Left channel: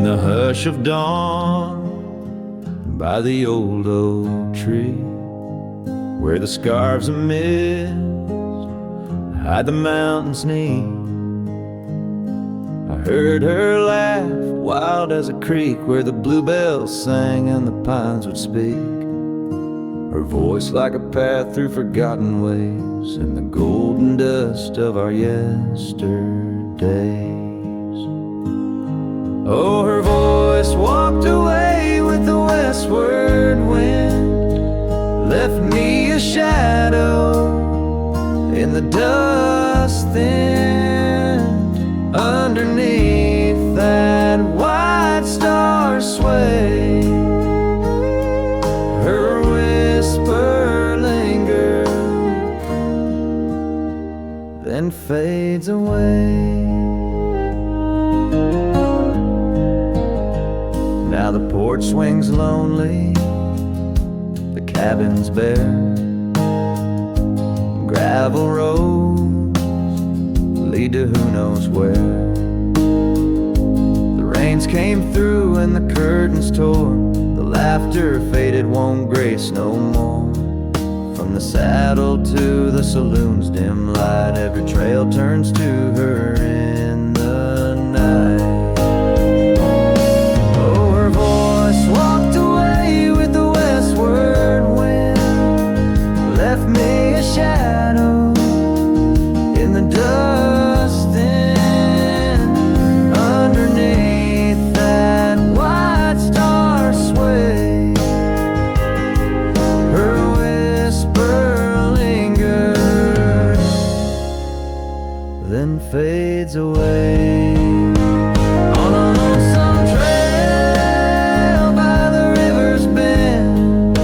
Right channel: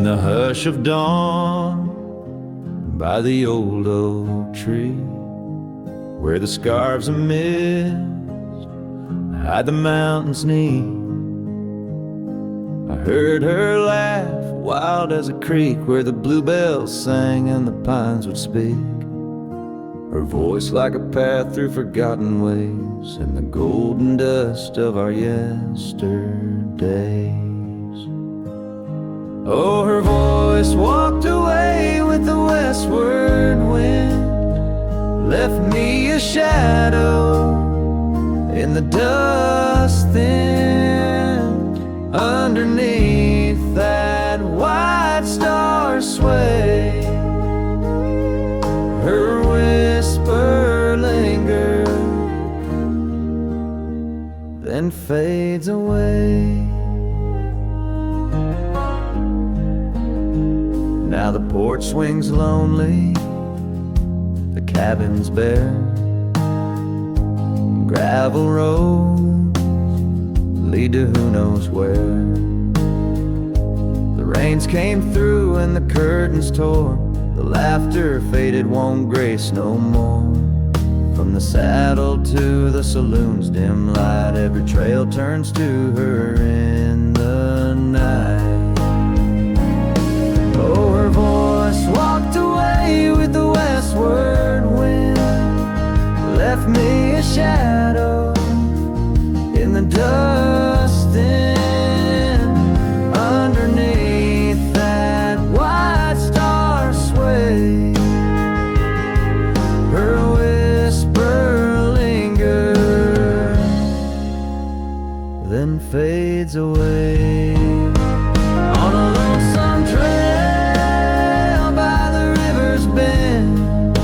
In the hush of dawn, by the old oak tree, where the scarves of mist hide the mountain's knee, I heard her laugh, wild as a creek, where the bluebells sang and the pines would speak. Her voice like a path through forgotten ways in the golden dust of our yesterdays. Oh, her voice walked away with the westward wind, left me a shadow in the dust thinned. Underneath that white star sway, her whisper lingers, then fades away. Now the porch swings lonely, the cabin's bare, gravel roads lead to who knows where. The rains came through and the curtains tore, the laughter faded, won't grace no more. From the saddle to the saloon's dim light, every trail turns to her in the night. Oh, her voice walked away with the westward wind, left me a shadow in the dust then. Underneath that white star sway, her whisper lingers, then fades away. On a lonesome trail by the river's bend,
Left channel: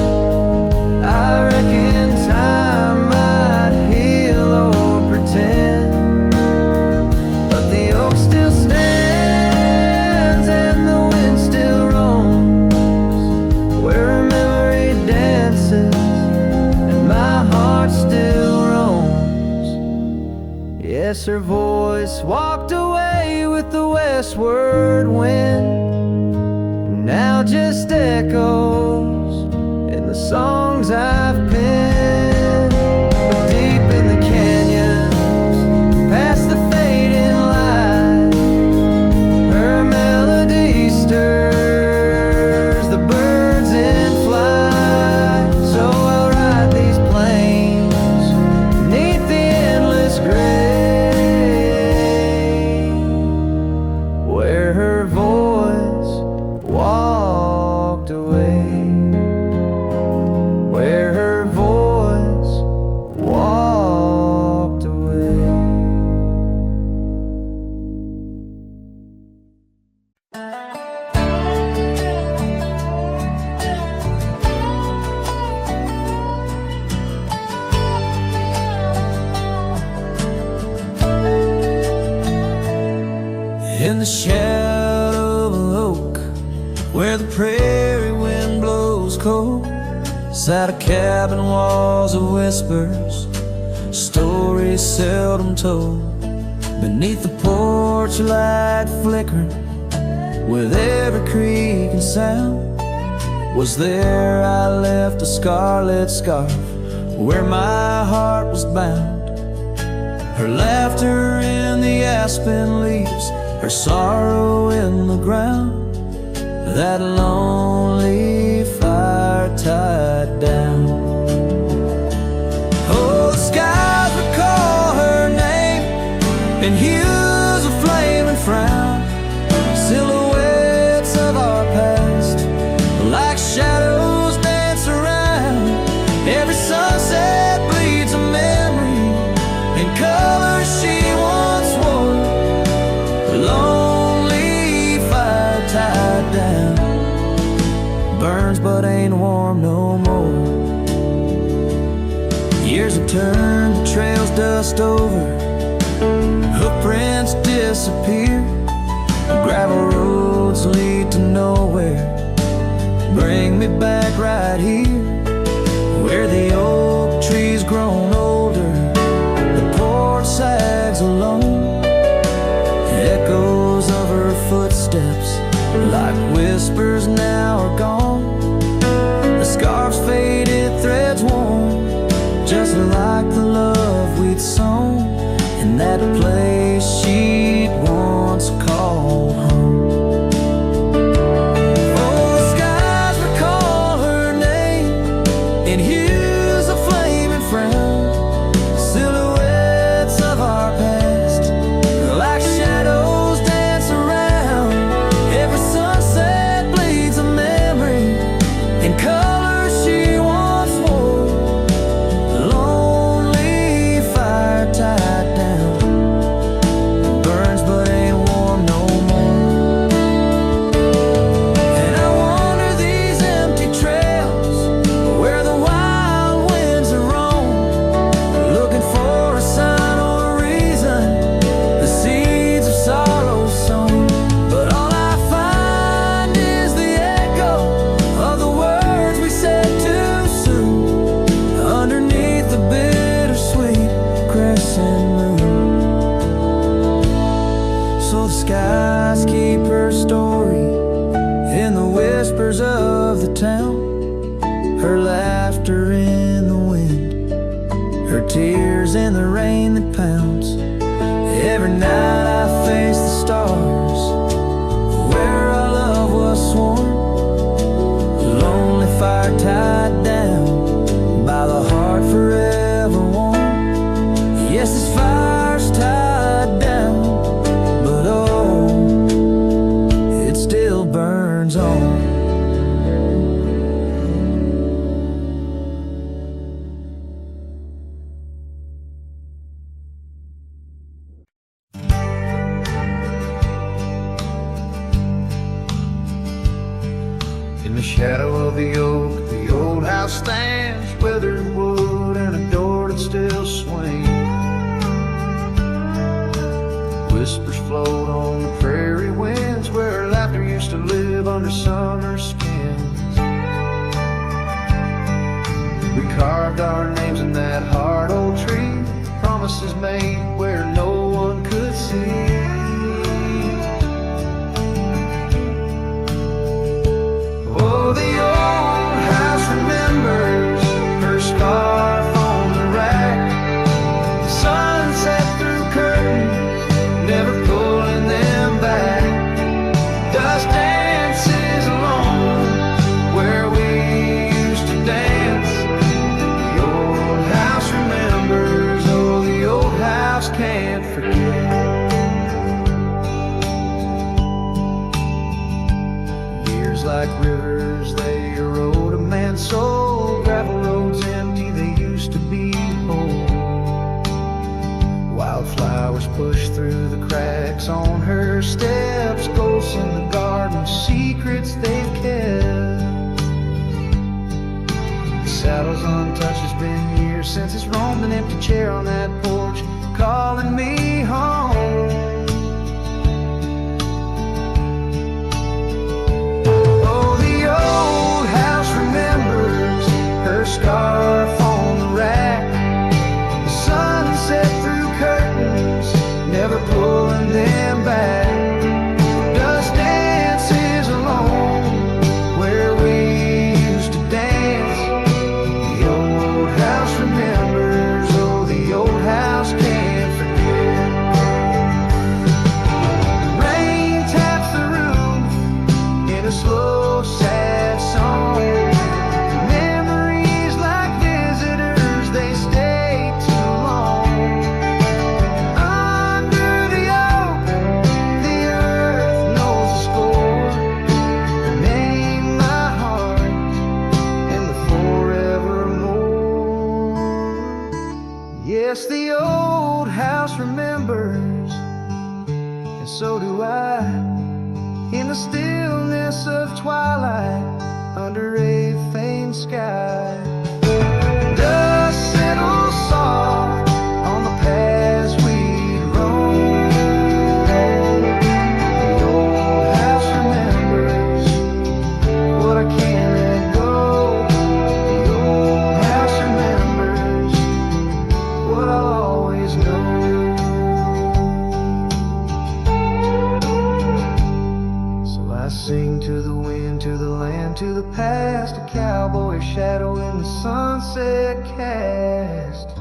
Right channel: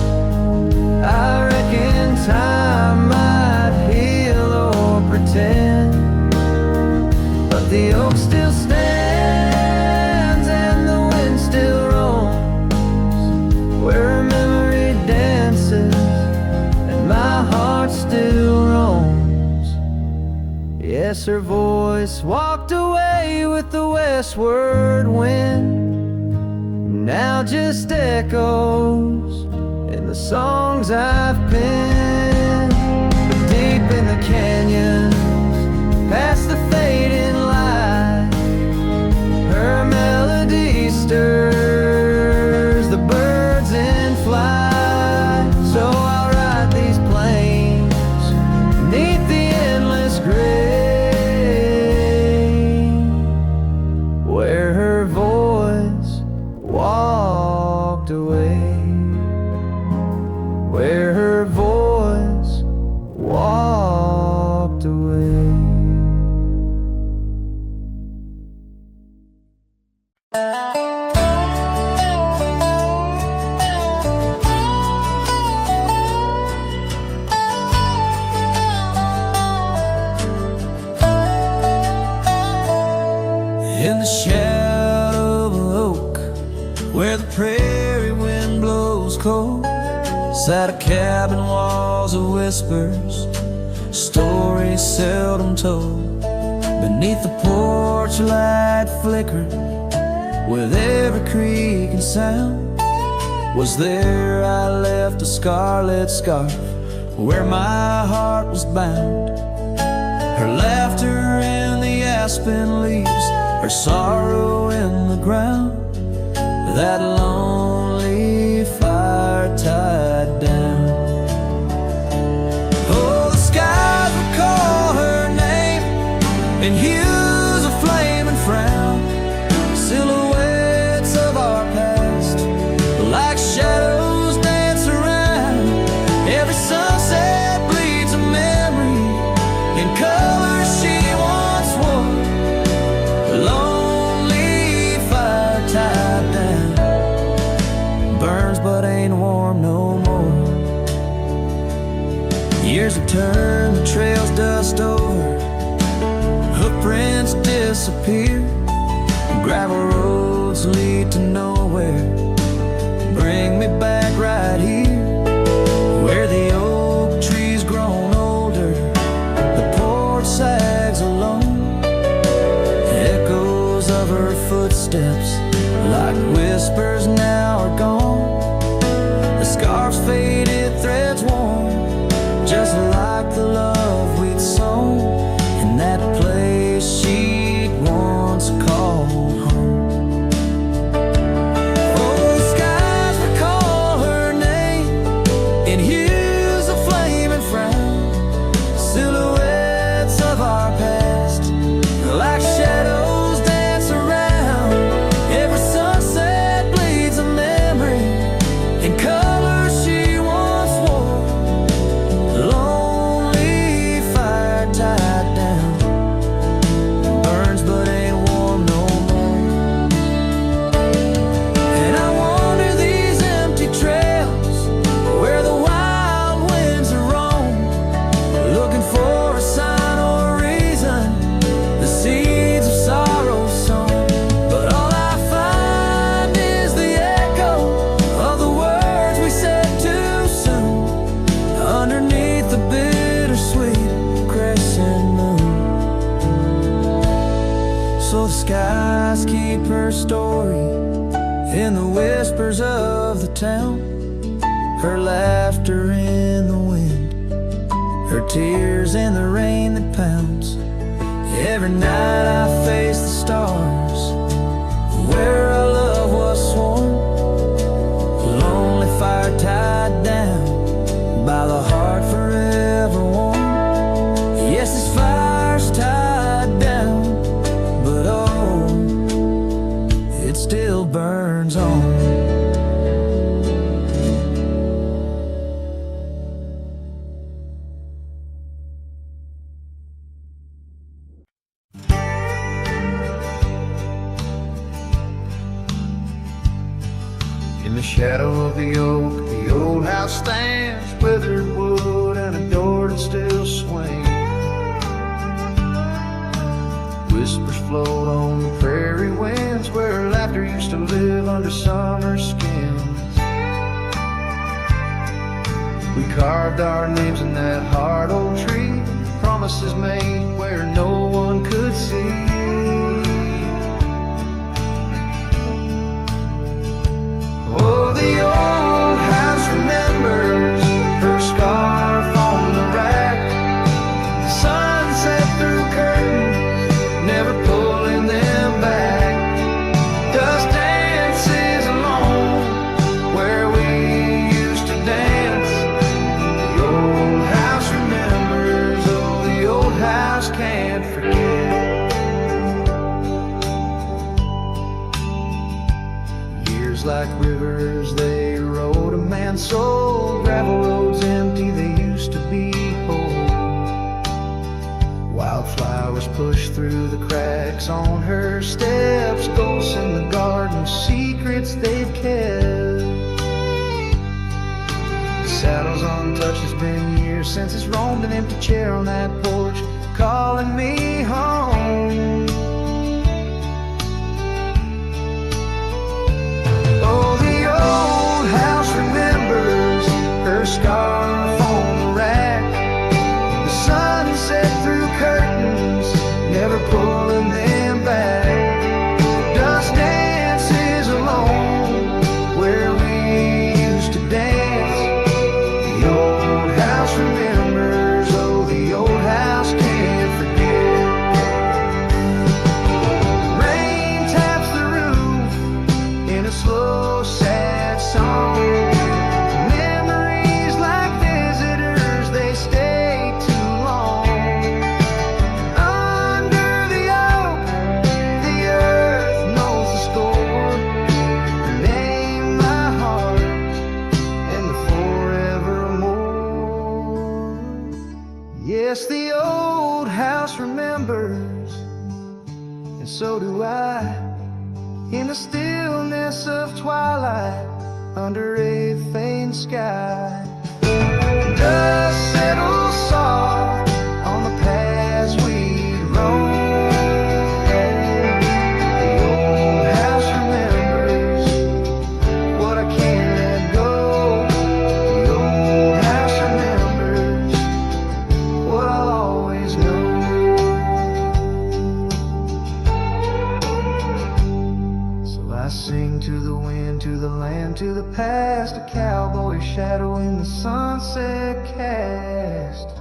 I reckon time might heal or pretend, but the oak still stands and the wind still roams, where her memory dances and my heart still roams. Yes, her voice walked away with the westward wind, now just echoes in the songs I've penned. But deep in the canyons, past the fading light, her melody stirs the birds in flight. So I'll ride these plains neath the endless gray, where her voice walked away, where her voice walked away. In the shadow of an oak, where the prairie wind blows cold, sat a cabin, walls of whispers, stories seldom told. Beneath the porch light flickering, with every creak and sound, was there I left a scarlet scarf where my heart was bound. Her laughter in the aspen leaves, her sorrow in the ground, that lonely fire tied down. Oh, the skies recall her name in hues of flame and frown, silhouettes of our past like shadows dance around. Every sunset bleeds a memory in colors she once wore. Lonely fire tied down, burns but ain't warm no more. Years have turned the trails dust over, hoofprints disappear, gravel roads lead to nowhere. Bring me back right here, where the oak tree's grown older, the porch sags alone, Echoes of her footsteps, like whispers, now are gone. The scarf's faded, threads worn, just like the love we'd sown in that place she'd once called home. Oh, the skies recall her name in hues of flame and frown, silhouettes of our past, like shadows dance around. Every sunset bleeds a memory in colors she once wore. Lonely fire tied down, burns but ain't warm no more. And I wander these empty trails where the wild winds are roam, looking for a sign or a reason, the seeds of sorrow sown. But all I find is the echo of the words we said too soon, underneath the bittersweet crescent moon. So the skies keep her story in the whispers of the town, her laughter in the wind, her tears in the rain that pounds. Every night I face the stars where our love was sworn, lonely fire tied down by the heart forever warm. Yes, this fire's tied down, but oh, it still burns on. In the shadow of the oak, the old house stands, weathered wood and a door that still swings. Whispers float on the prairie winds, where laughter used to live under summer skins. We carved our names in that hard old tree, promises made where no one could see. Oh, the old house remembers her scarf on the rack, the sunset through curtains, never pulling them back. Dust dances alone where we used to dance. The old house remembers, oh, the old house can't forget. Like rivers, they erode a man's soul. Gravel roads empty, they used to be whole. Wildflowers push through the cracks on her steps, ghosts in the garden, secrets they've kept. The saddle's untouched, it's been years since it's roamed, an empty chair on that porch calling me home. Oh, the old house remembers her scarf on the rack, the sunset through curtains, never pulling them back. Dust dances alone where we used to dance. The old house remembers, oh, the old house can't forget. Rain taps the roof in a slow, sad song. Memories like visitors, they stay too long. Under the oak, the earth knows the score. Her name, my heart, and the forevermore. Yes, the old house remembers, and so do I. In the stillness of twilight, under a faint sky, dust settles soft on the paths we'd roam. The old house remembers what I can't let go. The old house remembers what I'll always know. I sing to the wind, to the land, to the past, a cowboy shadow in the sunset cast.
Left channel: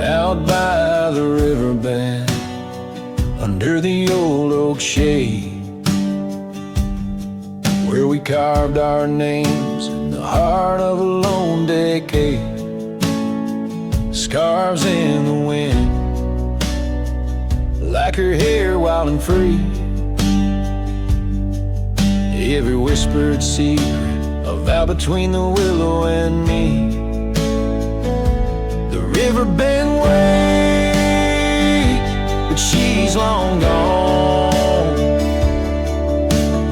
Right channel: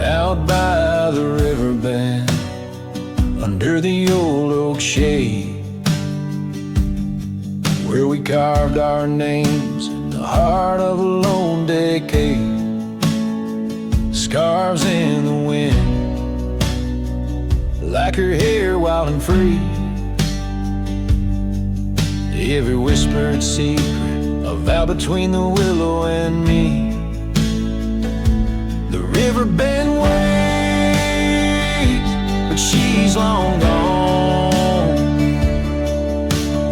Out by the riverbed, under the old oak shade, where we carved our names in the heart of a lone decade. Scarves in the wind, like her hair wild and free. Every whispered secret, a vow between the willow and me. The river bend waits, but she's long gone,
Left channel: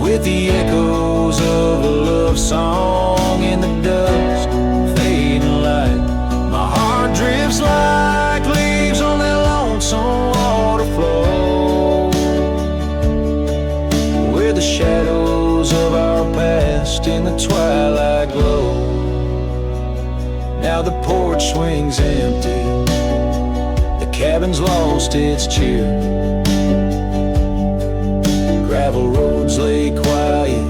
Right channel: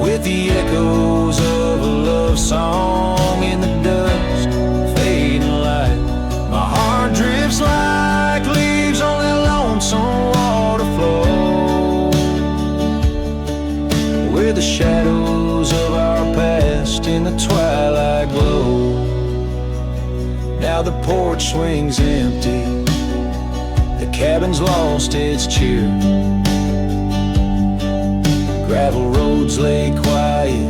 with the echoes of a love song in the dust, fading light. My heart drifts like leaves on that lonesome water flow, where the shadows of our past in the twilight glow. Now the porch swings empty, the cabin's lost its cheer. Gravel roads lay quiet,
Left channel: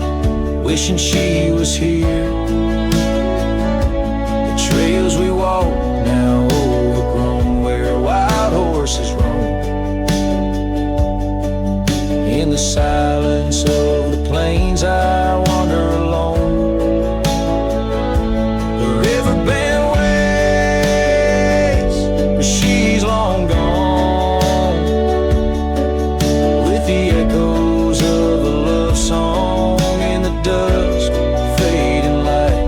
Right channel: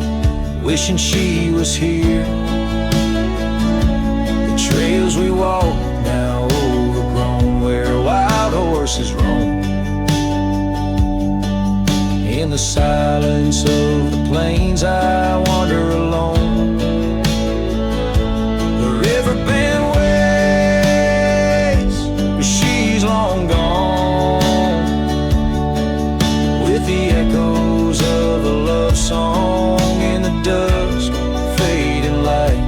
wishing she was here. The trails we walk now overgrown, where wild horses roam. In the silence of the plains I wander alone. The river bend waits, but she's long gone, with the echoes of a love song in the dusk, fading light.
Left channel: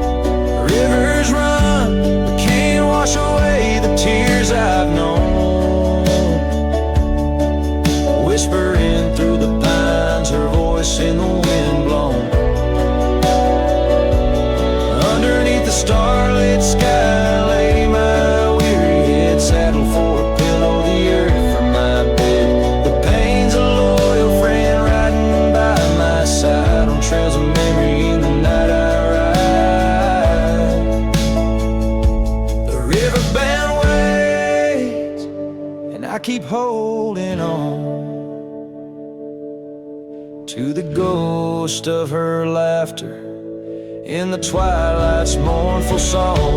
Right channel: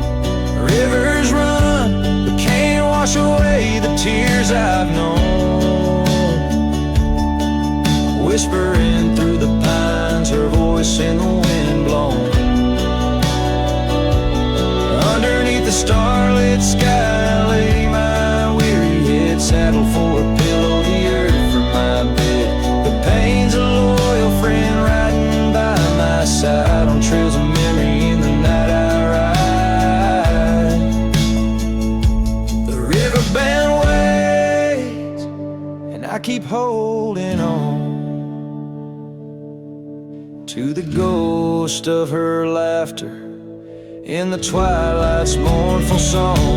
Rivers run, but can't wash away the tears I've known. Whispering through the pines, her voice in the wind blown. Underneath the starlit sky lay my weary head, saddled for a pillow, the earth for my bed. The pain's a loyal friend riding by my side, on trails of memory in the night I ride. The riverbend waits, and I keep holding on to the ghost of her laughter in the twilight's mournful song.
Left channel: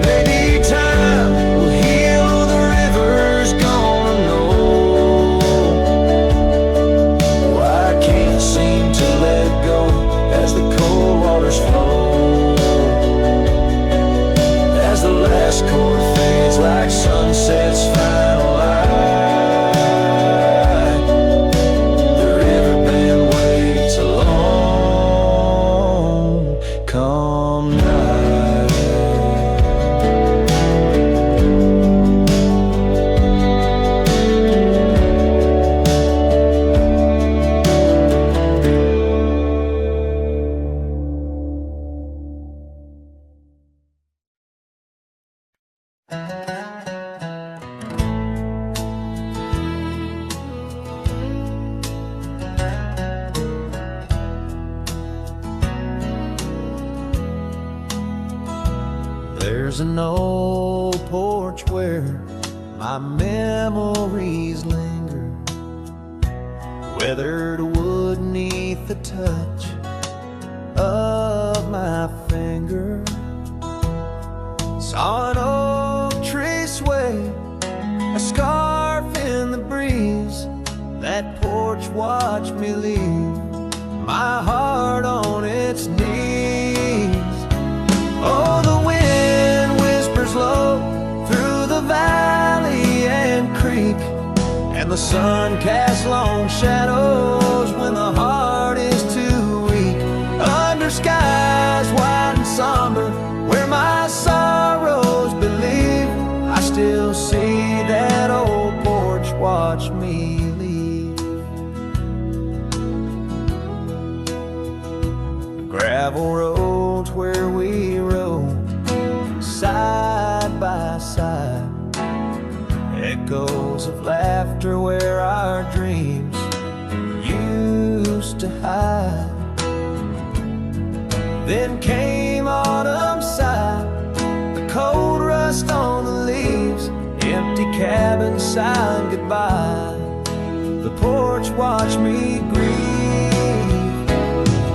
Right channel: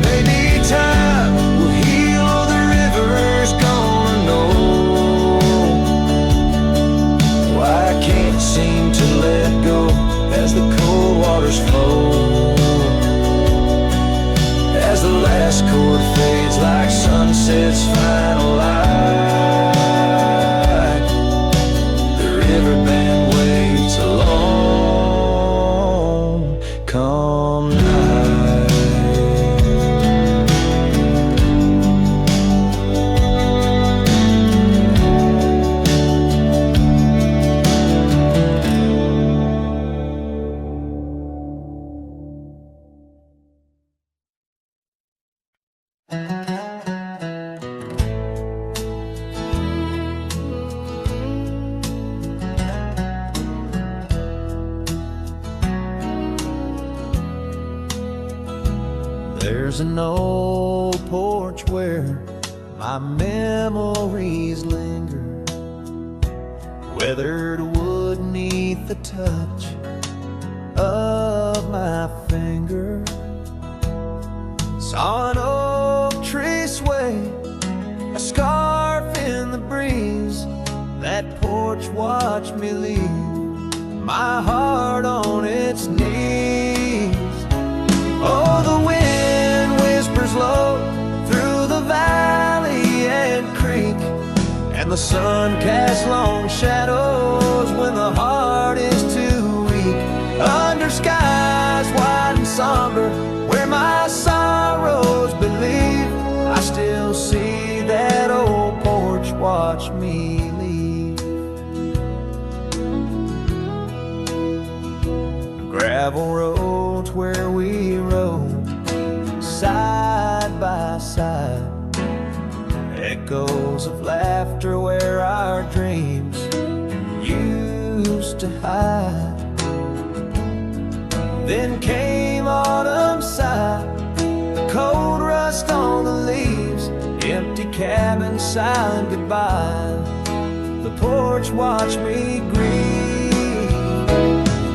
Maybe time will heal, the river's gonna know why I can't seem to let go as the cold waters flow. As the last chord fades like sunset's final light, the riverbend waits alone come night. There's an old porch where my memories linger, weathered wood neath the touch of my finger. Saw an oak tree sway, a scarf in the breeze. That porch watched me leave, my heart on its knees. Oh, the wind whispers low through the valley and creek, and the sun casts long shadows when the heart is too weak. Under skies wide and somber, where my sorrows believe, I still see that old porch watch me leave. The gravel roads where we rode side by side. Echoes of laughter where our dreams used to hide. Then came autumn's sigh, the cold rust on the leaves, empty cabin silent goodbye. The porch watched me grieve.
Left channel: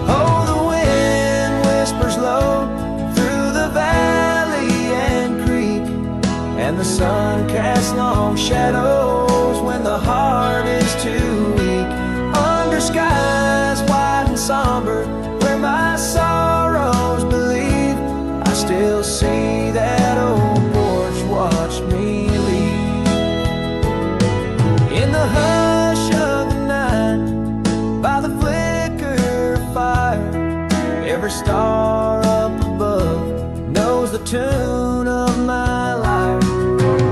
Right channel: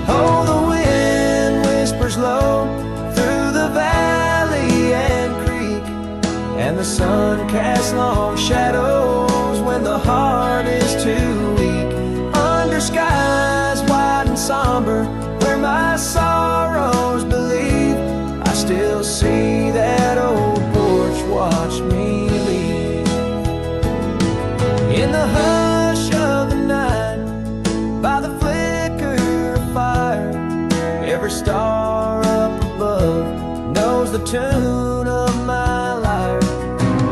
Oh, the wind whispers low through the valley and creek, and the sun casts long shadows when the heart is too weak. Under skies wide and somber, where my sorrows believe, I still see that old porch watch me leave. In the hush of the night, by the flicker of fire, every star up above knows the tune of my lyre.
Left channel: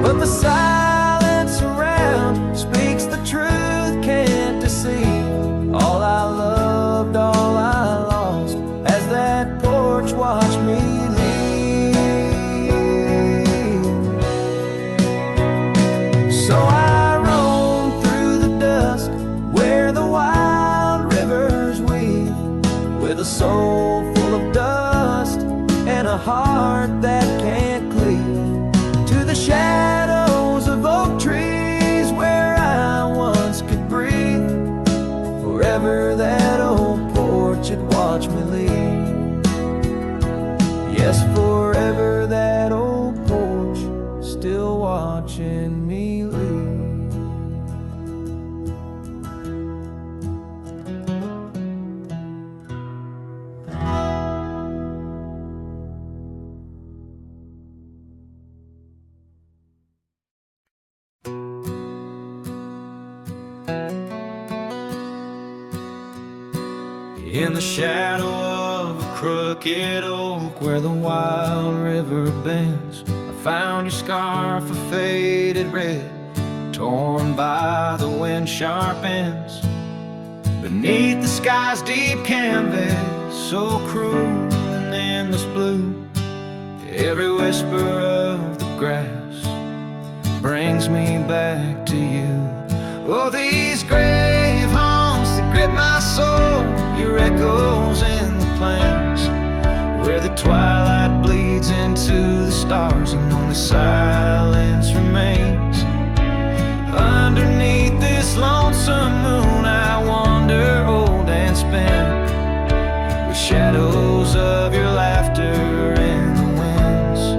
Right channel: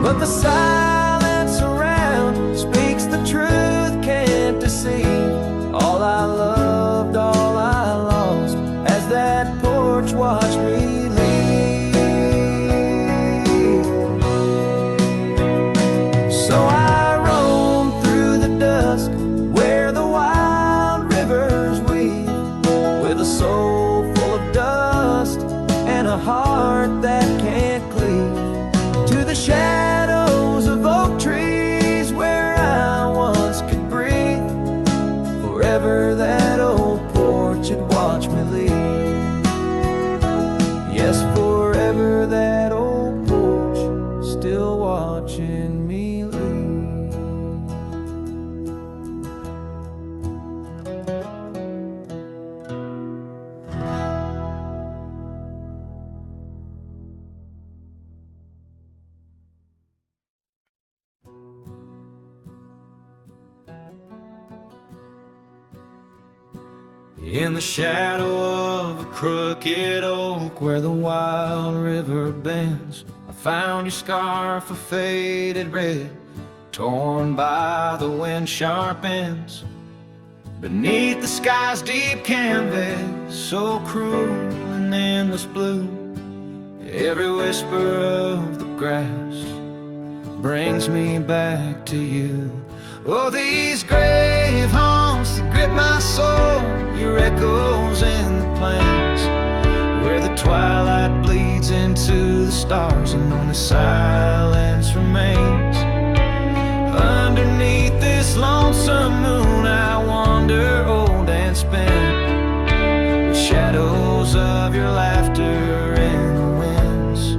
But the silence around speaks the truth, can't deceive. All I loved, all I lost, as that porch watched me leave. So I roam through the dusk where the wild rivers weave, with a soul full of dust and a heart that can't cleave, to the shadows of oak trees where I once could breathe. Forever that old porch had watched me leave. Yes, forever that old porch still watching me leave. In the shadow of a crooked oak where the wild river bends, I found your scarf of faded red, torn by the wind sharp ends. Beneath the sky's deep canvas, so cruel and endless blue, every whisper of the grass brings me back to you. Oh, these grave haunts that grip my soul, your echoes in the plains, where the twilight bleeds into the stars and only silence remains. Underneath this lonesome moon I wander old and spent, with shadows of your laughter in the winds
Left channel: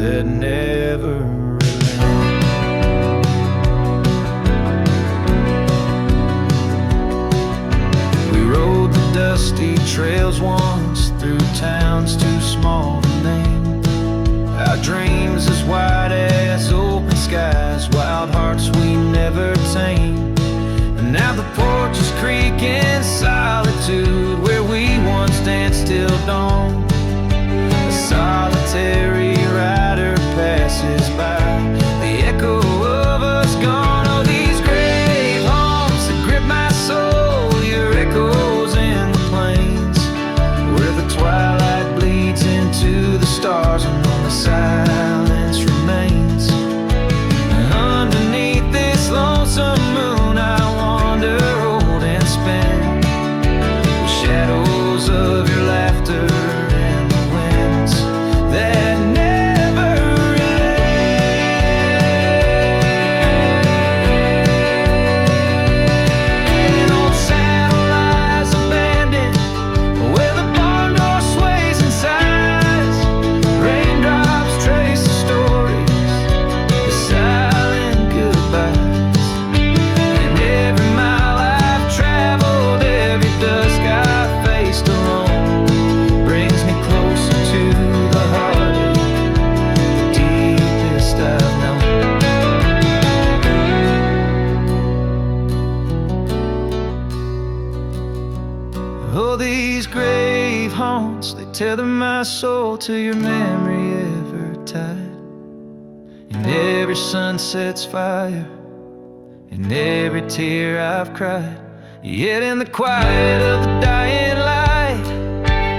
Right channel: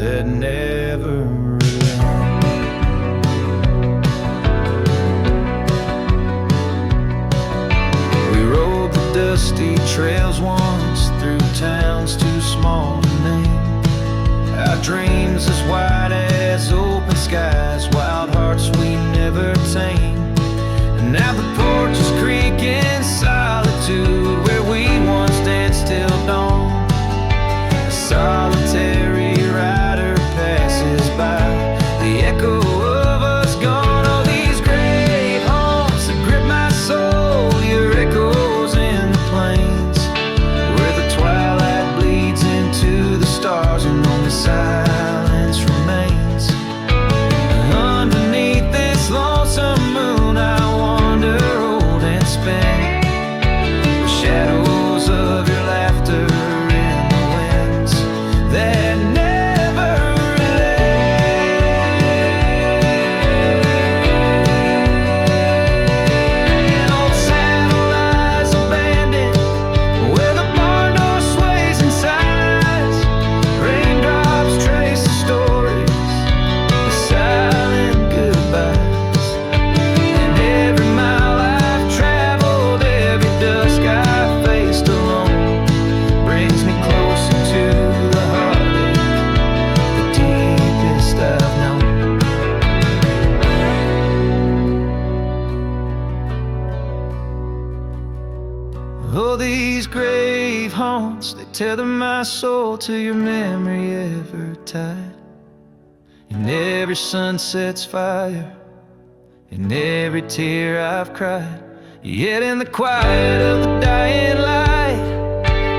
that never relent. We rode the dusty trails once through towns too small to name, our dreams as wide as open skies, wild hearts we never tame. And now the porch is creaking solitude, where we once danced till dawn. A solitary rider passes by, the echo of us gone. Oh, these grave haunts that grip my soul, your echoes in the plains, where the twilight bleeds into the stars and only silence remains. And underneath this lonesome moon I wander old and spent, with shadows of your laughter in the winds that never relent. Old saddle lies abandoned where the barn door sways and sighs, raindrops trace the stories, the silent goodbyes. And every mile I've traveled, every dusk I've faced alone, brings me closer to the heartache, the deepest I've known. Oh, these grave haunts, they tether my soul to your memory ever tied. And every sunset's fire, and every tear I've cried. Yet in the quiet of the dying light,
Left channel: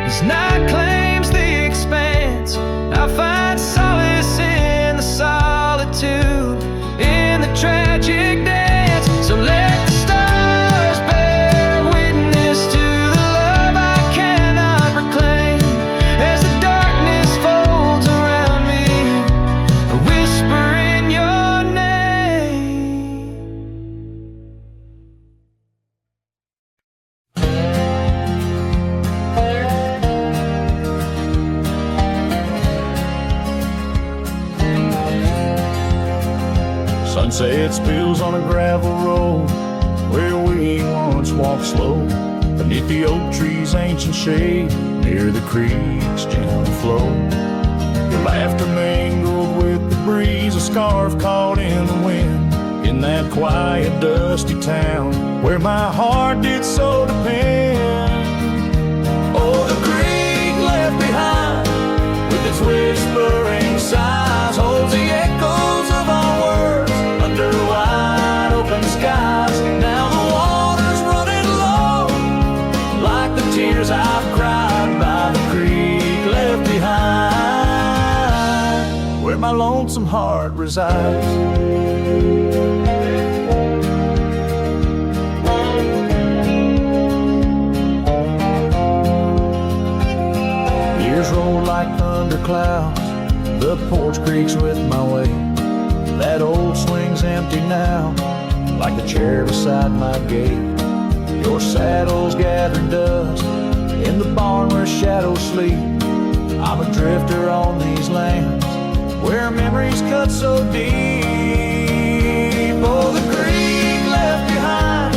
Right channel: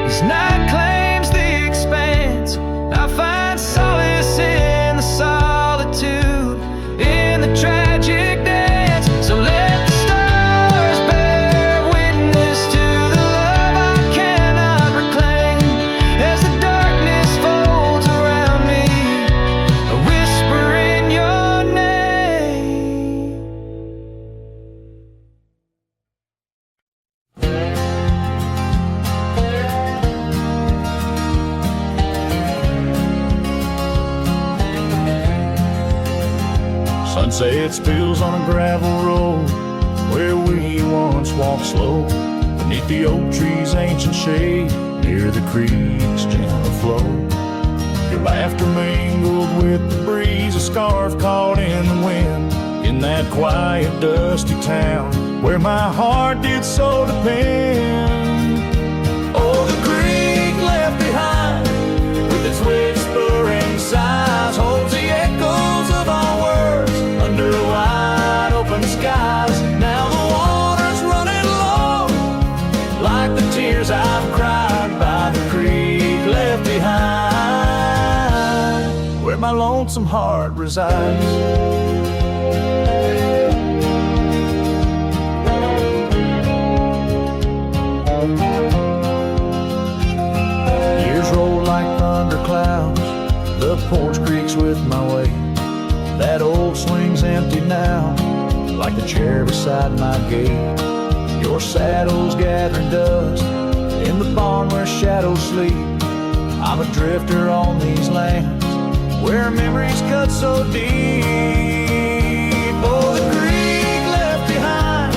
as night claims the expanse, I find silence Sunset spills on a gravel road where we once walked slow, beneath the oak trees' ancient shade, near the creek's gentle flow. Your laughter mingled with the breeze, a scarf caught in the wind, in that quiet, dusty town where my heart did so depend. Oh, the creek left behind, with its whispering sighs, holds the echoes of our words under wide open skies. Now the water's running low, like the tears I've cried by the creek left behind, where my lonesome heart resides. Years roll like thunderclouds, the porch creaks with my weight. That old swing's empty now, like the chair beside my gate. Your saddle's gathering dust in the barn where shadows sleep. I'm a drifter on these lands where memories cut so deep. Oh, the creek left behind,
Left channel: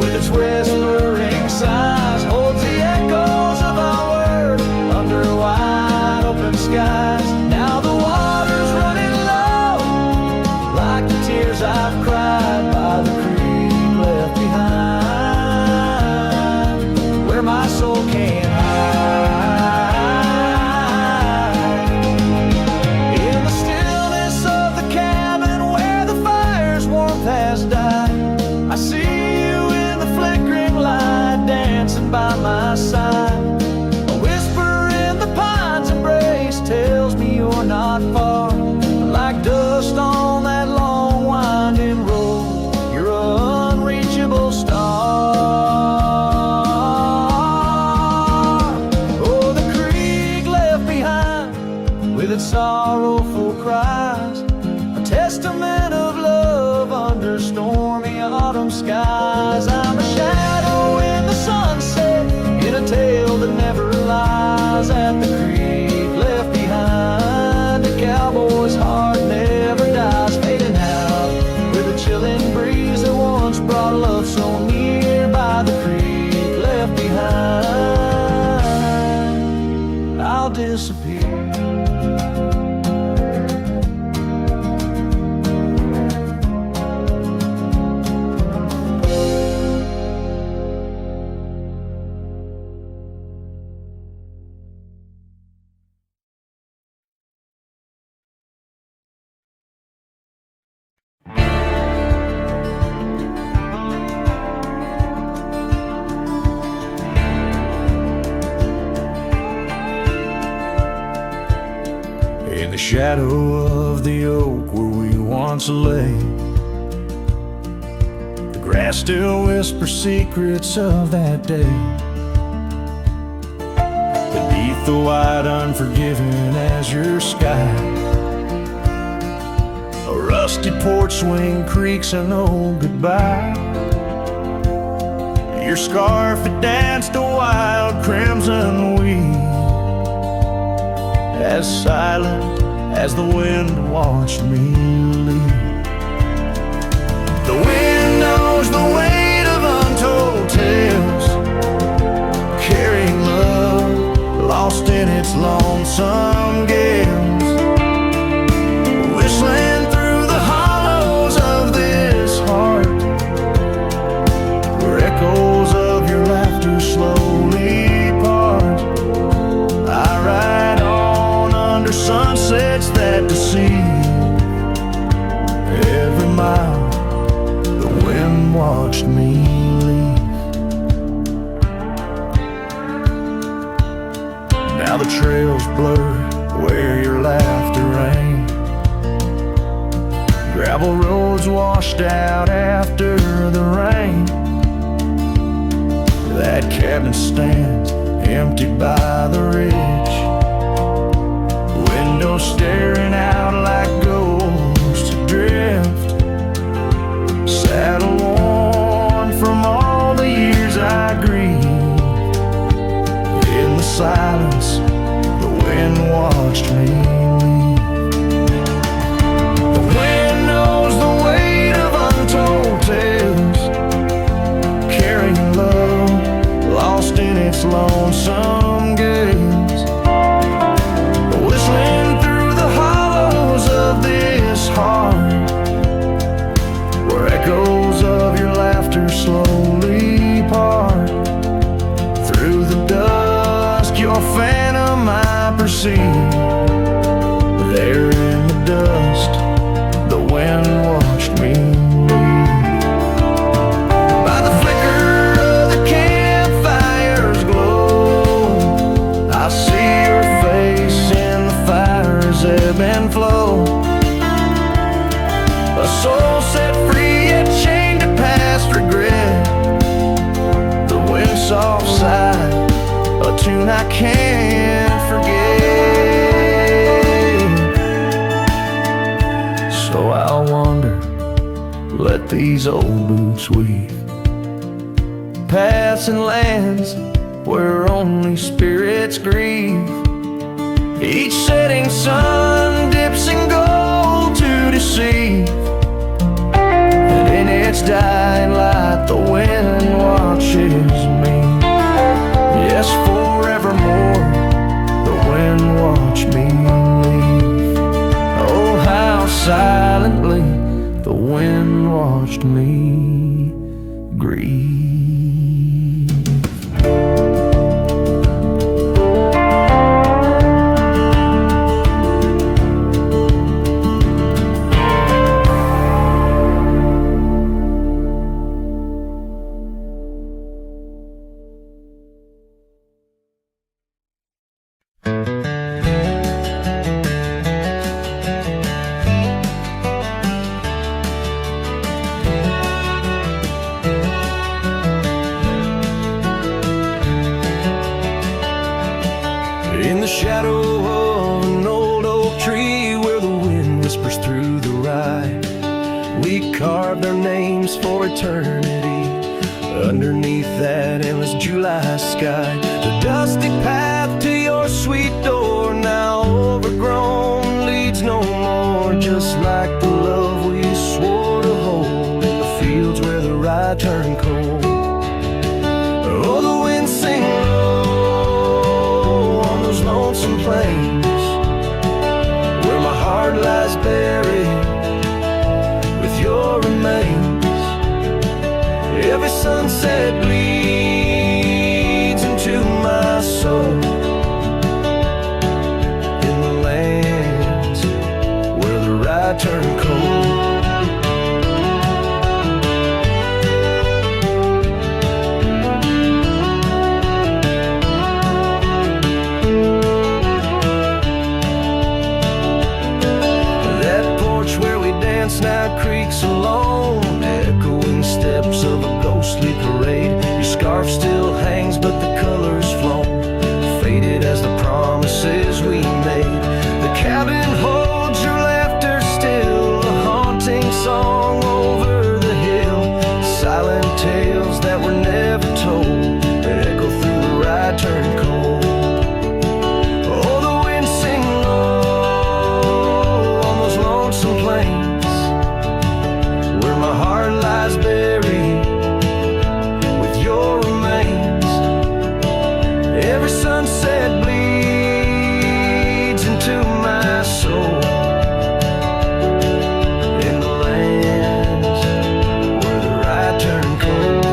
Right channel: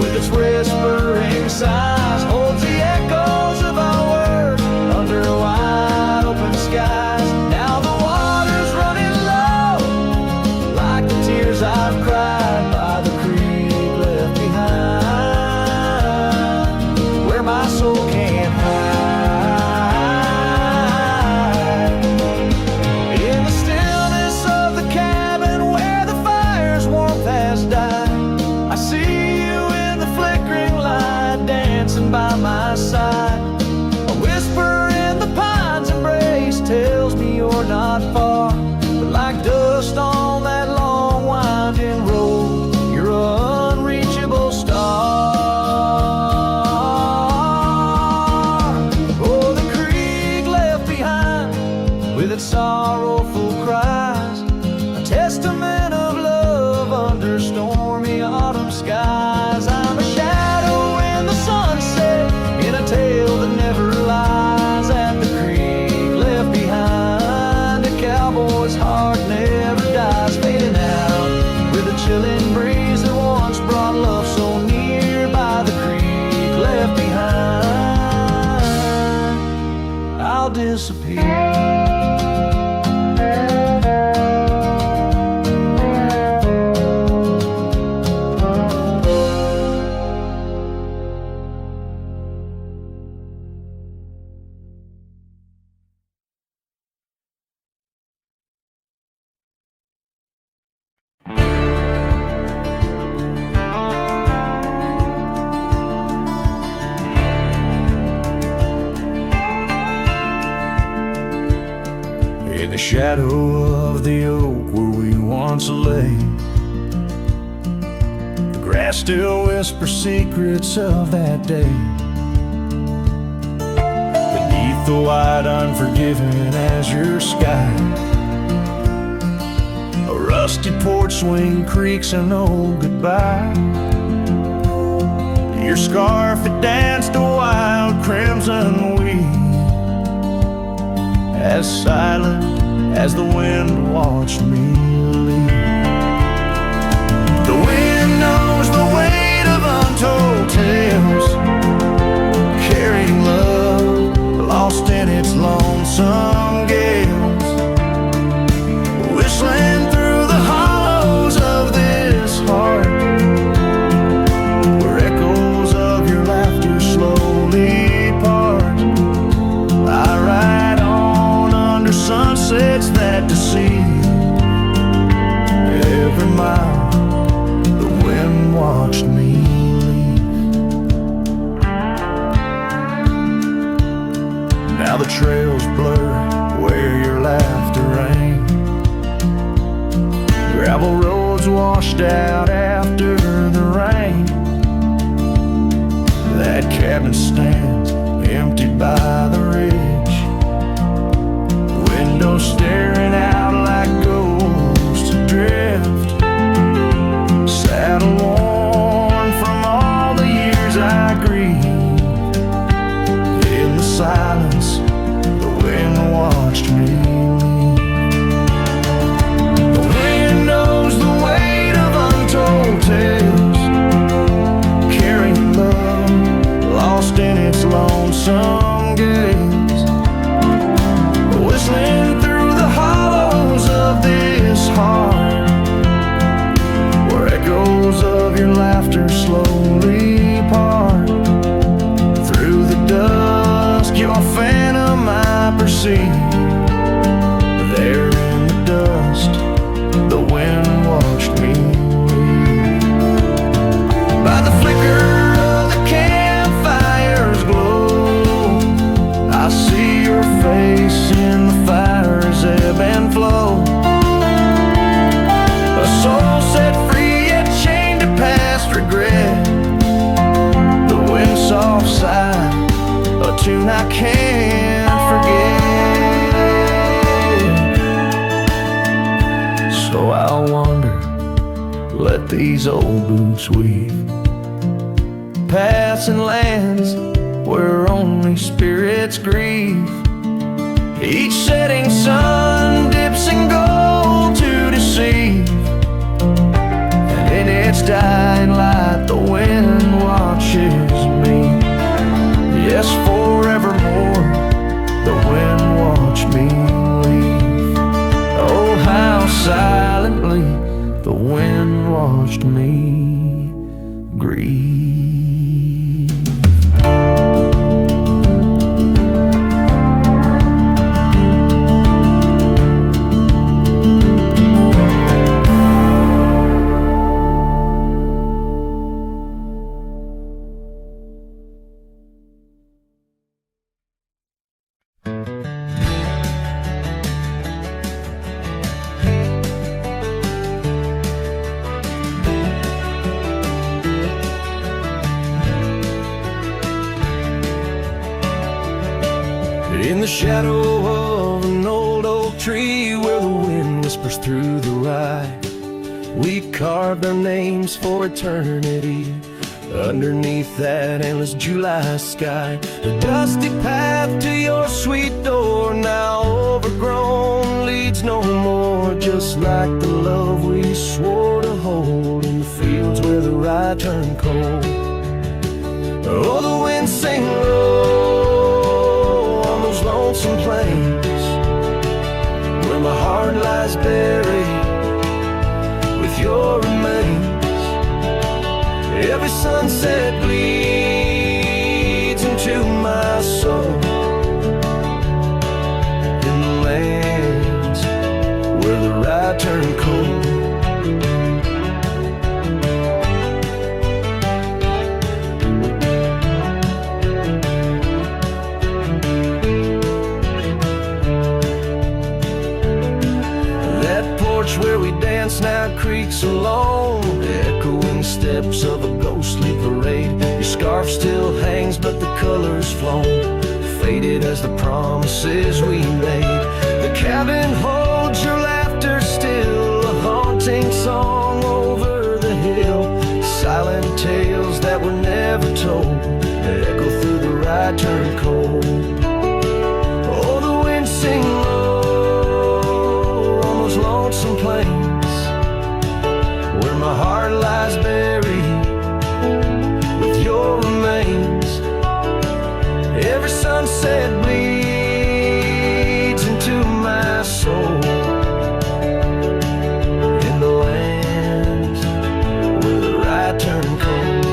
with its whispering sighs, holds the echoes of our words under wide open skies. Now the water's running low, like the tears I've cried by the creek left behind, where my soul can't hide. In the stillness of the cabin where the fire's warmth has died, I see you in the flickering light, dancing by my side. A whisper in the pine's embrace tells me you're not far, but like dust on that long winding road, you're an unreachable star. Oh, the creek left behind, with its sorrowful cries, a testament of love under stormy autumn skies. I'm a shadow in the sunset, in a tale that never lies. At the creek left behind, a cowboy's heart never dies, fading out with a chilling breeze that once brought love so near. By the creek left behind, I'll disappear. In the shadow of the oak where we once lay, the grass still whispers secrets of that day. Beneath the white unforgiving azure sky, a rusty porch swing creaks an old goodbye. Your scarf, it danced a wild crimson weave, as silent as the wind watched me leave. The wind knows the weight of untold tales, carrying love lost in its lonesome gales, whistling through the hollows of this heart, where echoes of your laughter slowly part. I ride on under sunsets that deceive. Every mile the wind watched me leave. Now the trails blur where your laughter rang, gravel roads washed out after the rain. That cabin stands emptied by the ridge, windows staring out like ghosts adrift. Saddle worn from all the years I grieve. In the silence, the wind watched me leave. The wind wind knows the weight of untold tales, carrying love lost in its lonesome gaze, whistling through the hollows of this heart, where echoes of your laughter slowly part. Through the dusk, your phantom I perceive. There in the dust, the wind watched me leave. By the flicker of the campfire's glow, I see your face in the fire's ebb and flow. A soul set free yet chained to past regret. The wind soft sigh, a tune I can't forget. So I'll wander, let these old boots weave, paths and lands where only spirits grieve. Each setting sun dips in gold to deceive, and in its dying light the wind watches me. Yes, forevermore the wind watched me leave. Oh, how silently the wind watched me grieve. In the shadow of an old oak tree, where the wind whispers through the rye, we carved our names for eternity underneath that endless July sky. The dusty path to your sweet door, now overgrown, leads no more, just like the love we swore to hold in the fields where the rye turned cold. Oh, the wind sing low on those lonesome plains, where my heart lies buried with your remains. Every sunset bleeds into my soul, in the lands where the rye turned cold. That porch where we dance now creaks alone, echoing steps of a ghostly parade. Your scarf still hangs but the color's flown, faded as the promises we made. The cabin holds your laughter still, a haunting song over the hill. Silent tales that were never told, that echo through the rye turned cold. Oh, the wind sing low on those lonesome plains, where my heart lies buried with your remains. Every sunset bleeds into my soul, in the lands where the rye turned cold.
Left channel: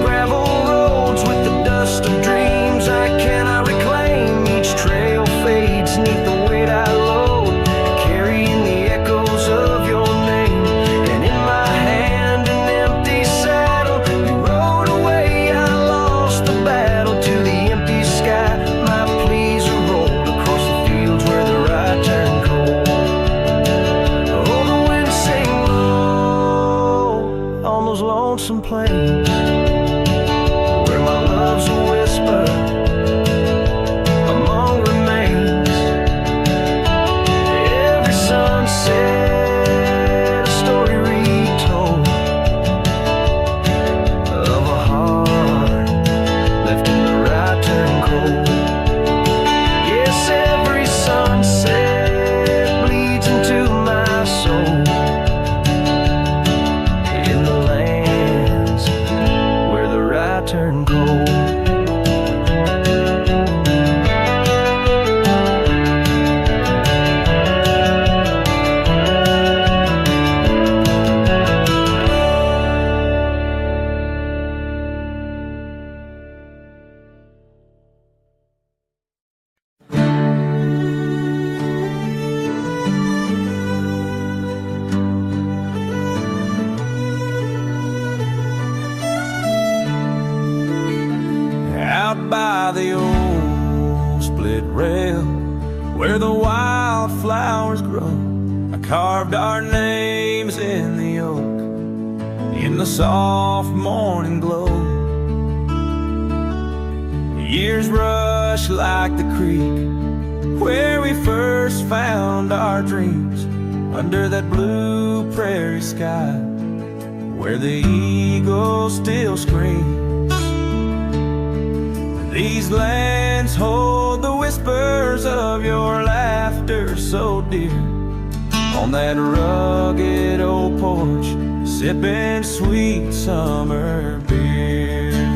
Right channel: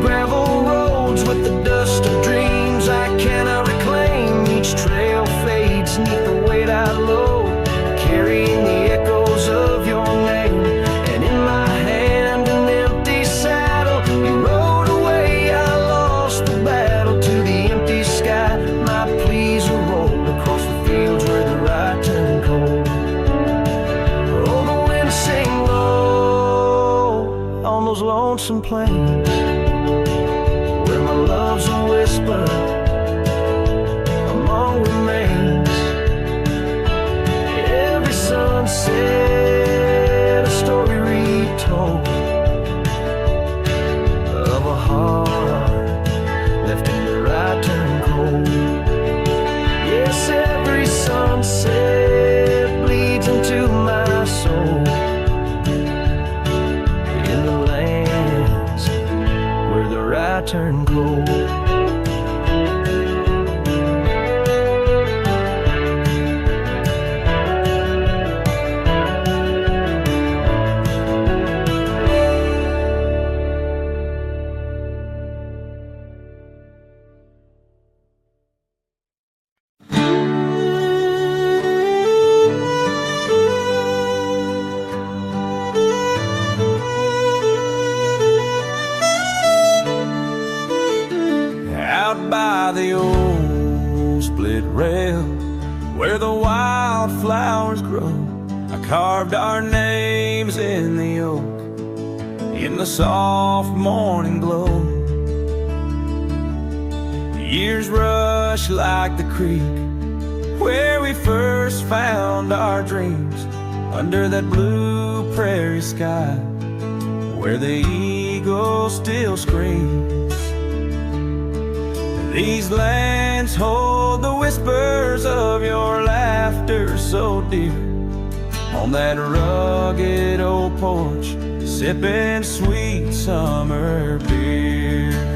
Gravel roads with the dust of dreams I cannot reclaim. Each trail fades neath the weight I load, carrying the echoes of your name. And in my hand an empty saddle, you rode away, I lost the battle. To the empty sky my pleas are rolled, across the fields where the rye turned cold. Oh, the wind sing low on those lonesome plains, where my love's a whisper among remains. Every sunset a told of a heart left in the right turn cold. Yes, every sunset bleeds into my soul in the lands where the right turn cold. Out by the old split rail where the wildflowers grow, I carved our names in the oak in the soft morning glow. The years rush like the creek where we first found our dreams, under that blue prairie sky where the eagle still screams. These lands hold the whispers of your laughter so dear, on that rugged old porch, sipping sweet summer beer.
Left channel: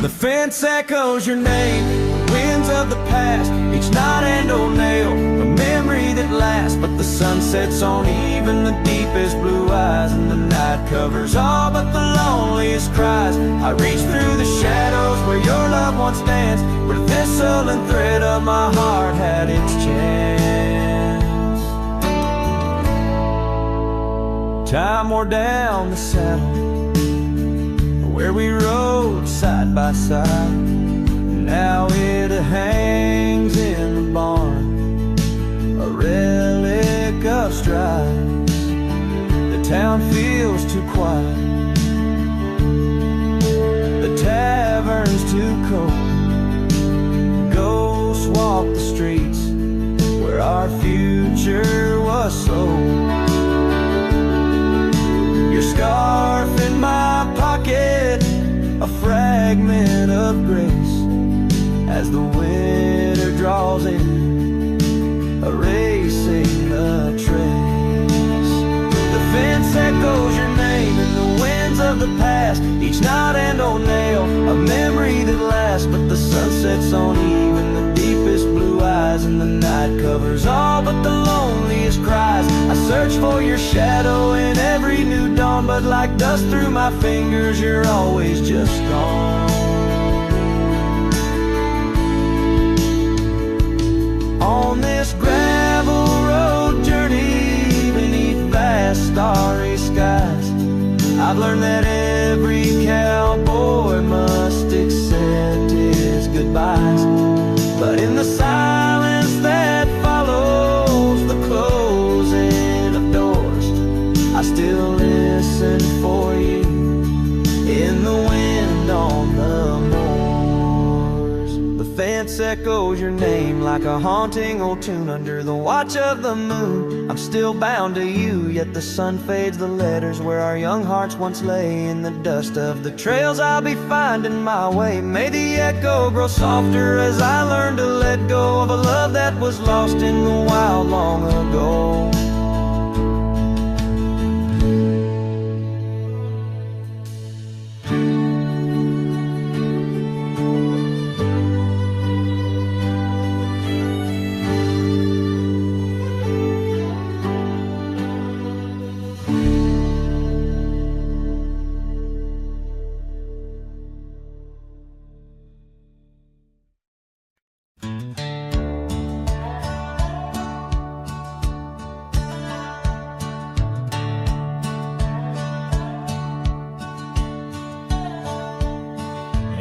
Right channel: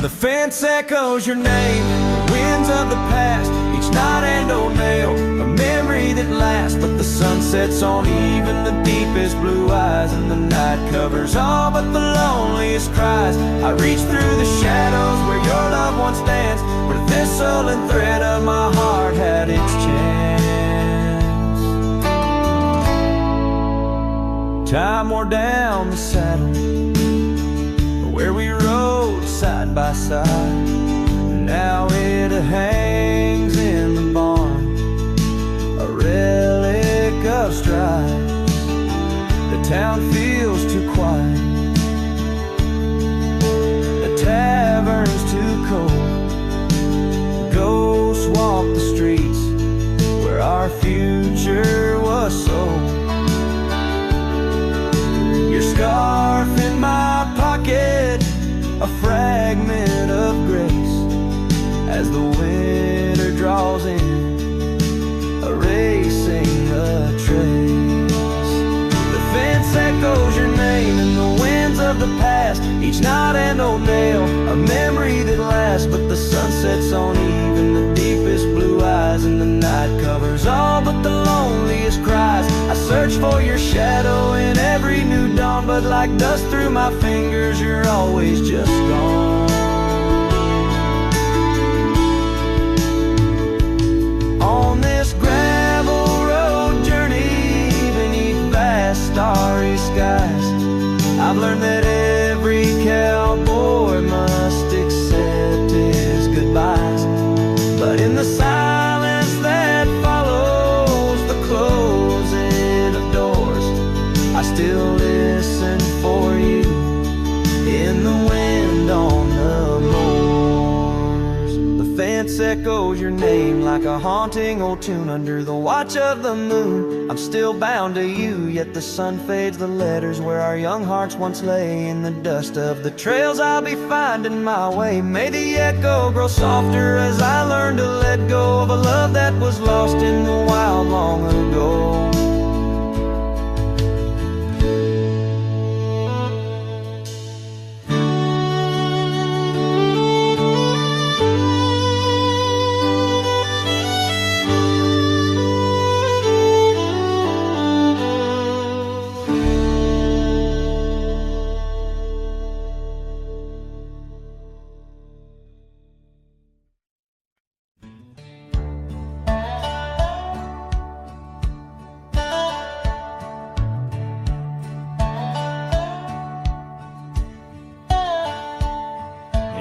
The fence echoes your name, the winds of the past, each knot and old nail, a memory that lasts. But the sun sets on even the deepest blue eyes, and the night covers all but the loneliest cries. I reach through the shadows where your loved one stands, where the thistle and thread of my heart had its chance. Time wore down the saddle where we rode side by side. Now it hangs in the barn, a relic of strides. The town feels too quiet, the tavern's too cold. Ghosts walk the streets where our future was sold. Your scarf in my pocket, a fragment of grace, as the winter draws in, erasing the trace. The fence echoes your name in the winds of the past, each knot and old nail, a memory that lasts. But the sun sets on even the deepest blue eyes, and the night covers all but the loneliest cries. I search for your shadow in every new dawn, but like dust through my fingers, you're always just gone. On this gravel road journey beneath vast starry skies, I've learned that every cowboy must accept his goodbyes. But in the silence that follows the closing of doors, I still listen for you in the wind on the moors. The fence echoes your name like a haunting old tune under the watch of the moon. I'm still bound to you, yet the sun fades the letters where our young hearts once lay. In the dust of the trails I'll be finding my way. May the echo grow softer as I learn to let go of a love that was lost in the wild long ago.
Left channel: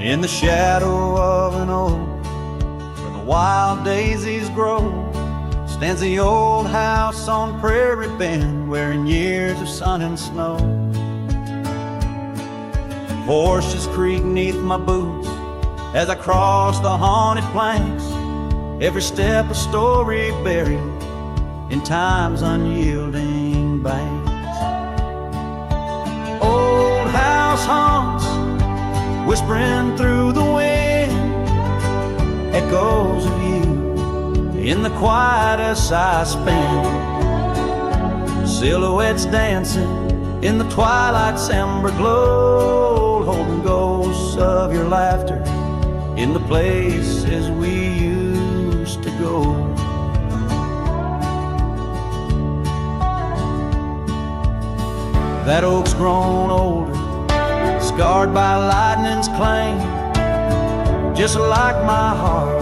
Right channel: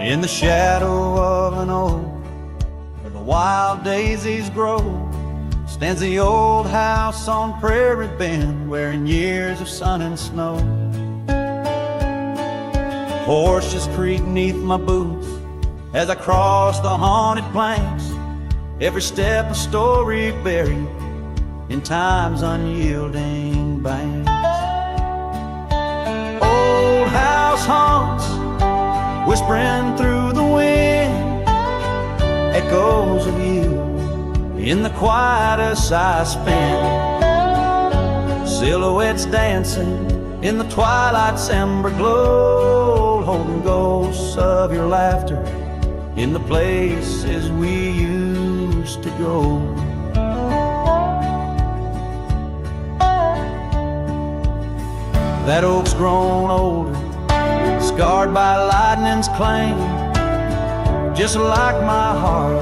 In the shadow of an oak where the wild daisies grow, stands the old house on Prairie Bend, wearing years of sun and snow. Horses creak neath my boots as I cross the haunted planks, every step a story buried in time's unyielding banks. house haunts, whispering through the wind, echoes of you in the quiet as I spend. Silhouettes dancing in the twilight's ember glow, holding ghosts of your laughter in the places we used to go. That oak's grown older, scarred by lightning's claim, just like my heart,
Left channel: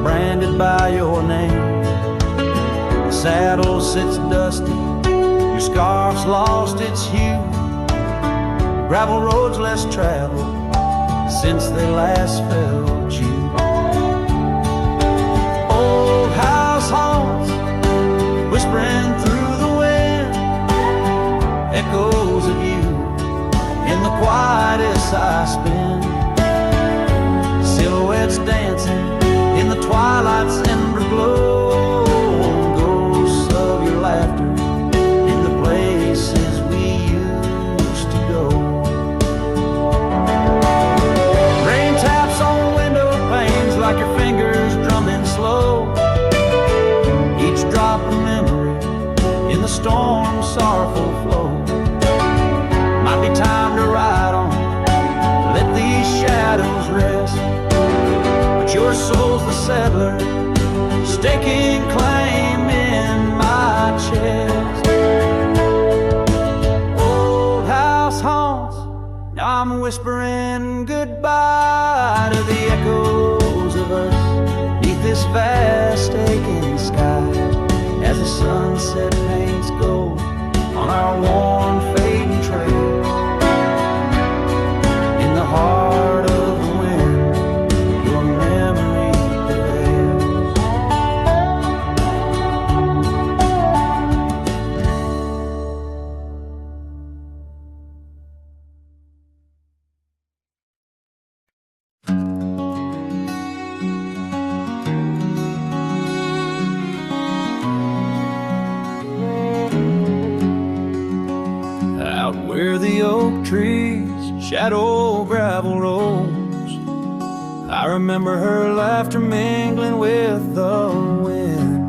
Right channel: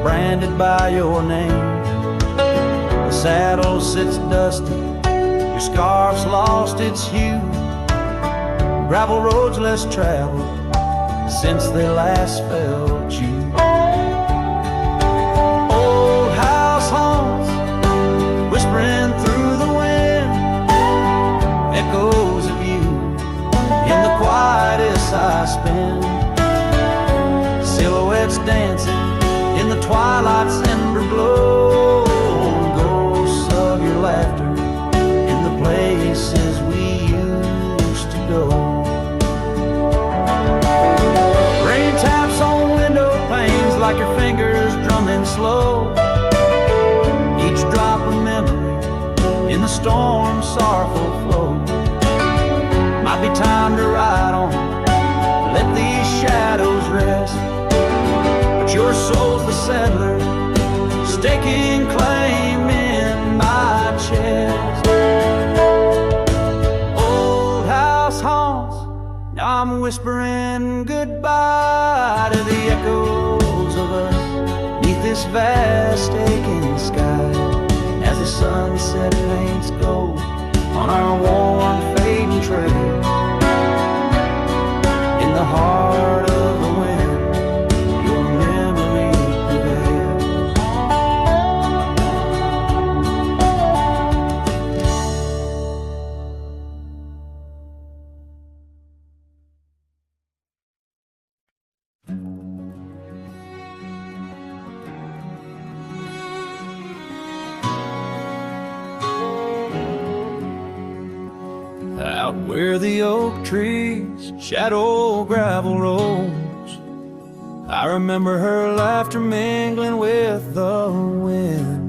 branded by your name. The saddle sits dusty, your scarf's lost its hue, gravel roads less traveled since they last felt you. Old house haunts, whispering through the wind, echoes of you in the quietest I spend. Silhouettes dancing in the twilight's ember glow, and ghosts of your laughter in the places we used to go. Rain taps on window panes like your fingers drumming slow, each drop a memory in the storm's sorrowful flow. Might be time to ride on, let these shadows rest, but your soul's the settler, staking claim in my chest. Old house haunts, now I'm whispering goodbye to the echoes of us neath this vast aching sky, as the sunset paints gold on our worn fading trails. In the heart of the wind, your memory prevails. Out where the oak trees shadow gravel rolls, I remember her laughter mingling with the wind.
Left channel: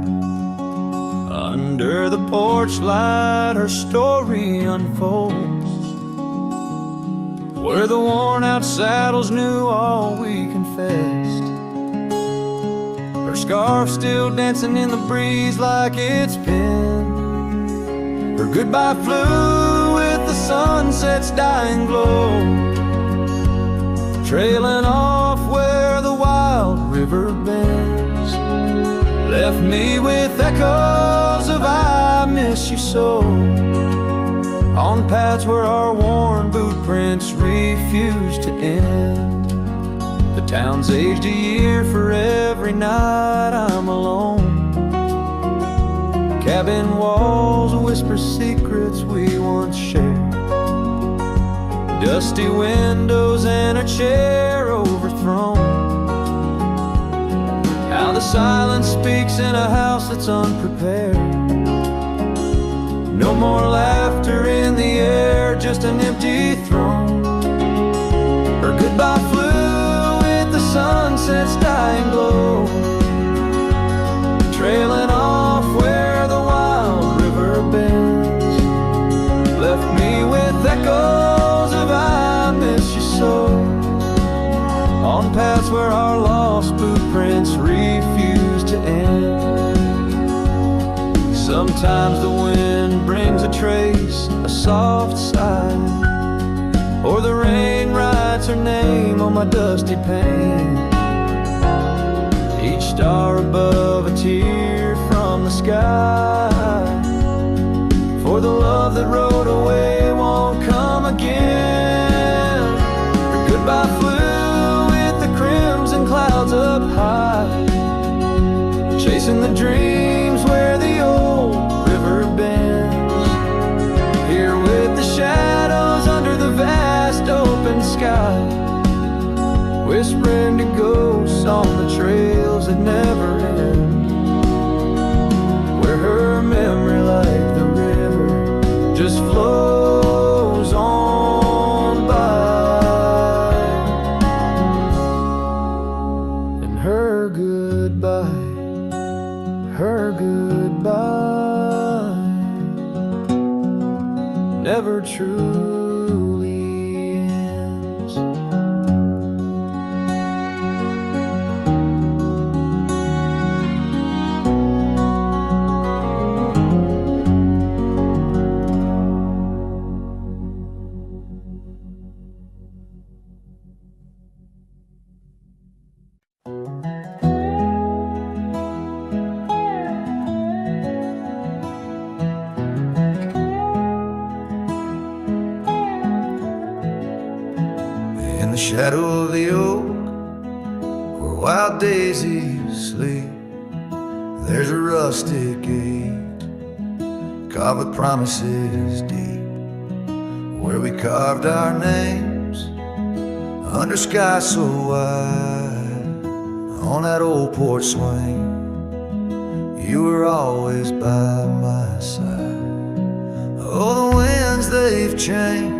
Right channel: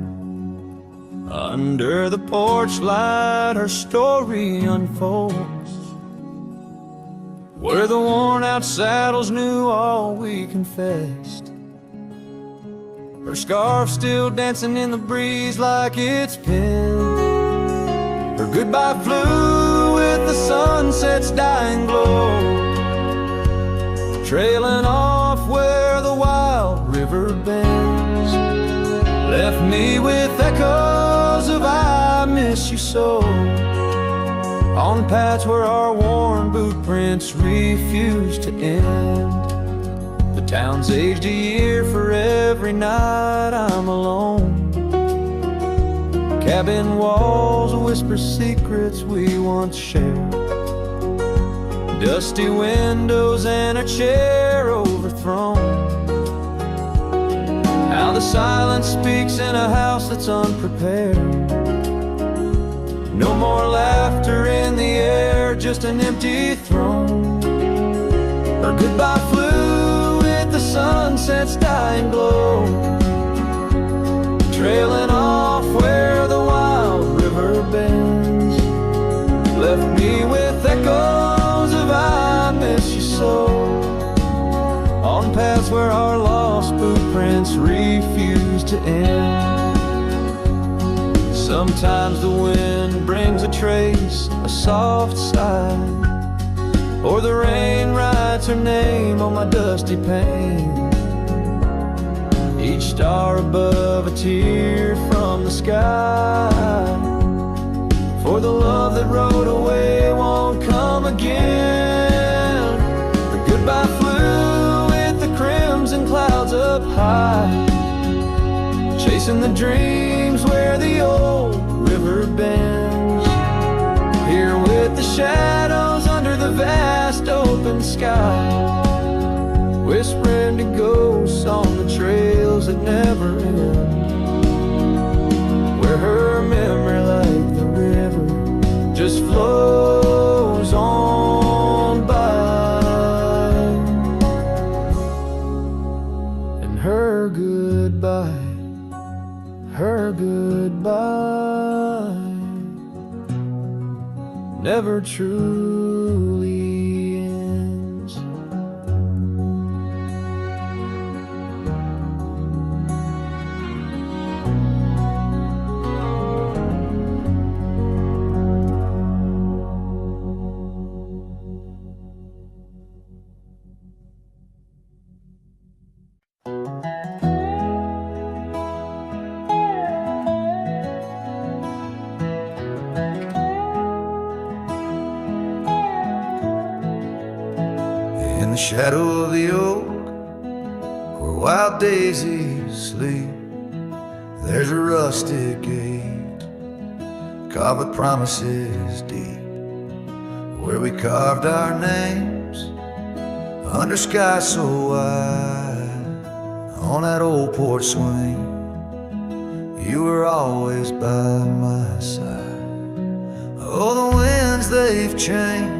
Under the porch light her story unfolds, where the worn out saddles knew all we confessed. Her scarf still dancing in the breeze like it's pinned. Her goodbye flew with the sunset's dying glow, trailing off where the wild river bends. Left me with echoes of I miss you so, on paths where our worn boot prints refuse to end. The town's aged a year for every night I'm alone. Cabin walls whisper secrets we once shared, dusty windows and a chair overthrown. How the silence speaks in a house that's unprepared. No more laughter in the air, just an empty throne. Her goodbye flew with the sunset's dying glow, trailing off where the wild river bends. Left me with echoes of I miss you so, on paths where our lost boot prints refuse to end. Sometimes the wind brings a trace, a soft sigh, or the rain writes her name on my dusty pane. Each star above a tear from the sky, for the love that rode away won't come again. Her goodbye flew with the crimson clouds up high, chasing the dreams where the old river bends. Here with the shadows under the vast open sky, whispering to ghosts on the trails that never end, where her memory like the river just flows on goodbye, her goodbye never truly ends. In the shadow of the oak, where wild daisies sleep, there's a rustic gate carved with promises deep, where we carved our names under sky so wide. On that old porch swing, you were always by my side. Oh, the winds, they've changed,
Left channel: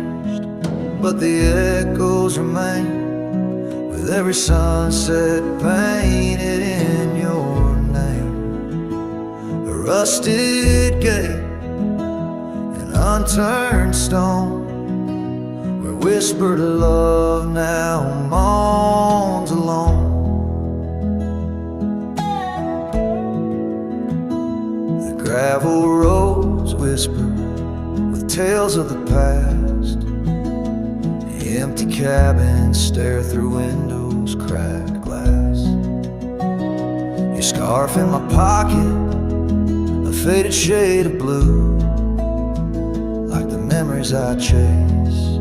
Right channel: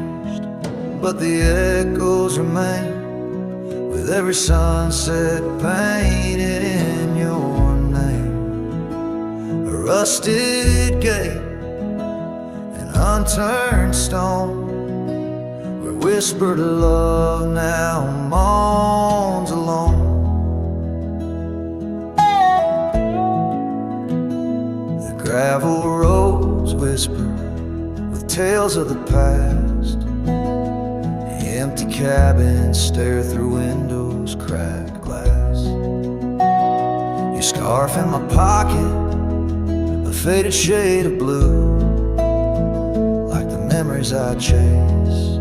but the echoes remain, with every sunset painted in your name. A rusted gate, an unturned stone, where whispered love now moans alone. The gravel roads whisper with tales of the past. Empty cabins stare through windows, cracked glass. Your scarf in my pocket, a faded shade of blue, like the memories I chase,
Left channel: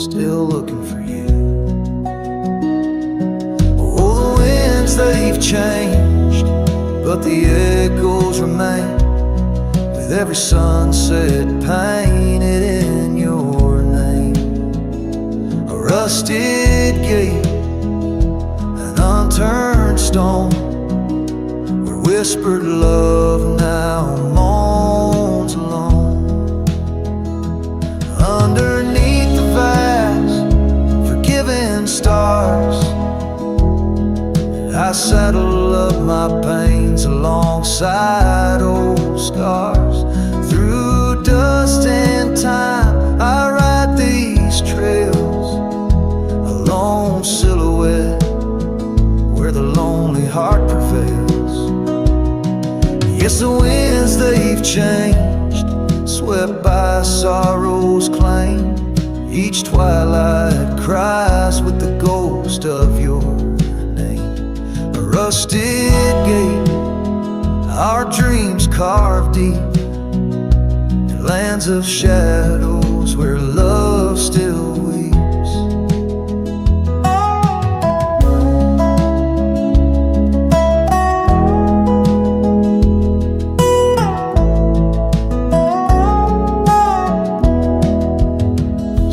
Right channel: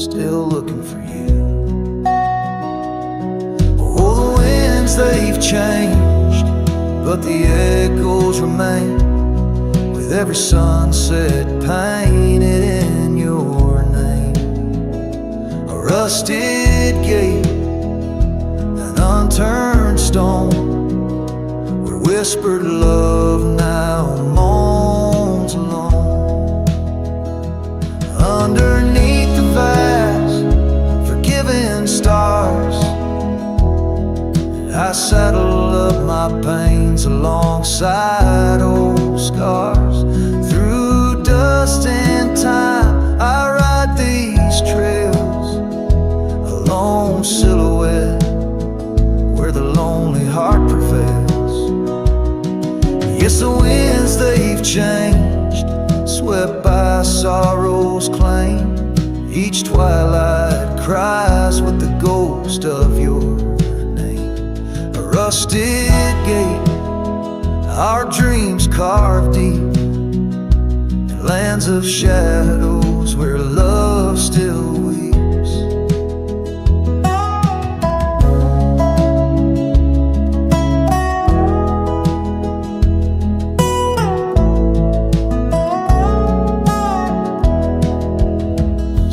still looking for you. Oh, the winds, they've changed, but the echoes remain, with every sunset painted in your name. A rusted gate, an unturned stone, where whispered love now moans alone. Underneath the vast, forgiving stars, I saddle up my pains alongside old scars. Through dust and time, I ride these trails, a lone silhouette where the lonely heart prevails. Yes, the winds, they've changed, swept by sorrow's claim. Each twilight cries with the ghost of your name. A rusted gate, our dreams carved deep, in lands of shadows where love still weeps.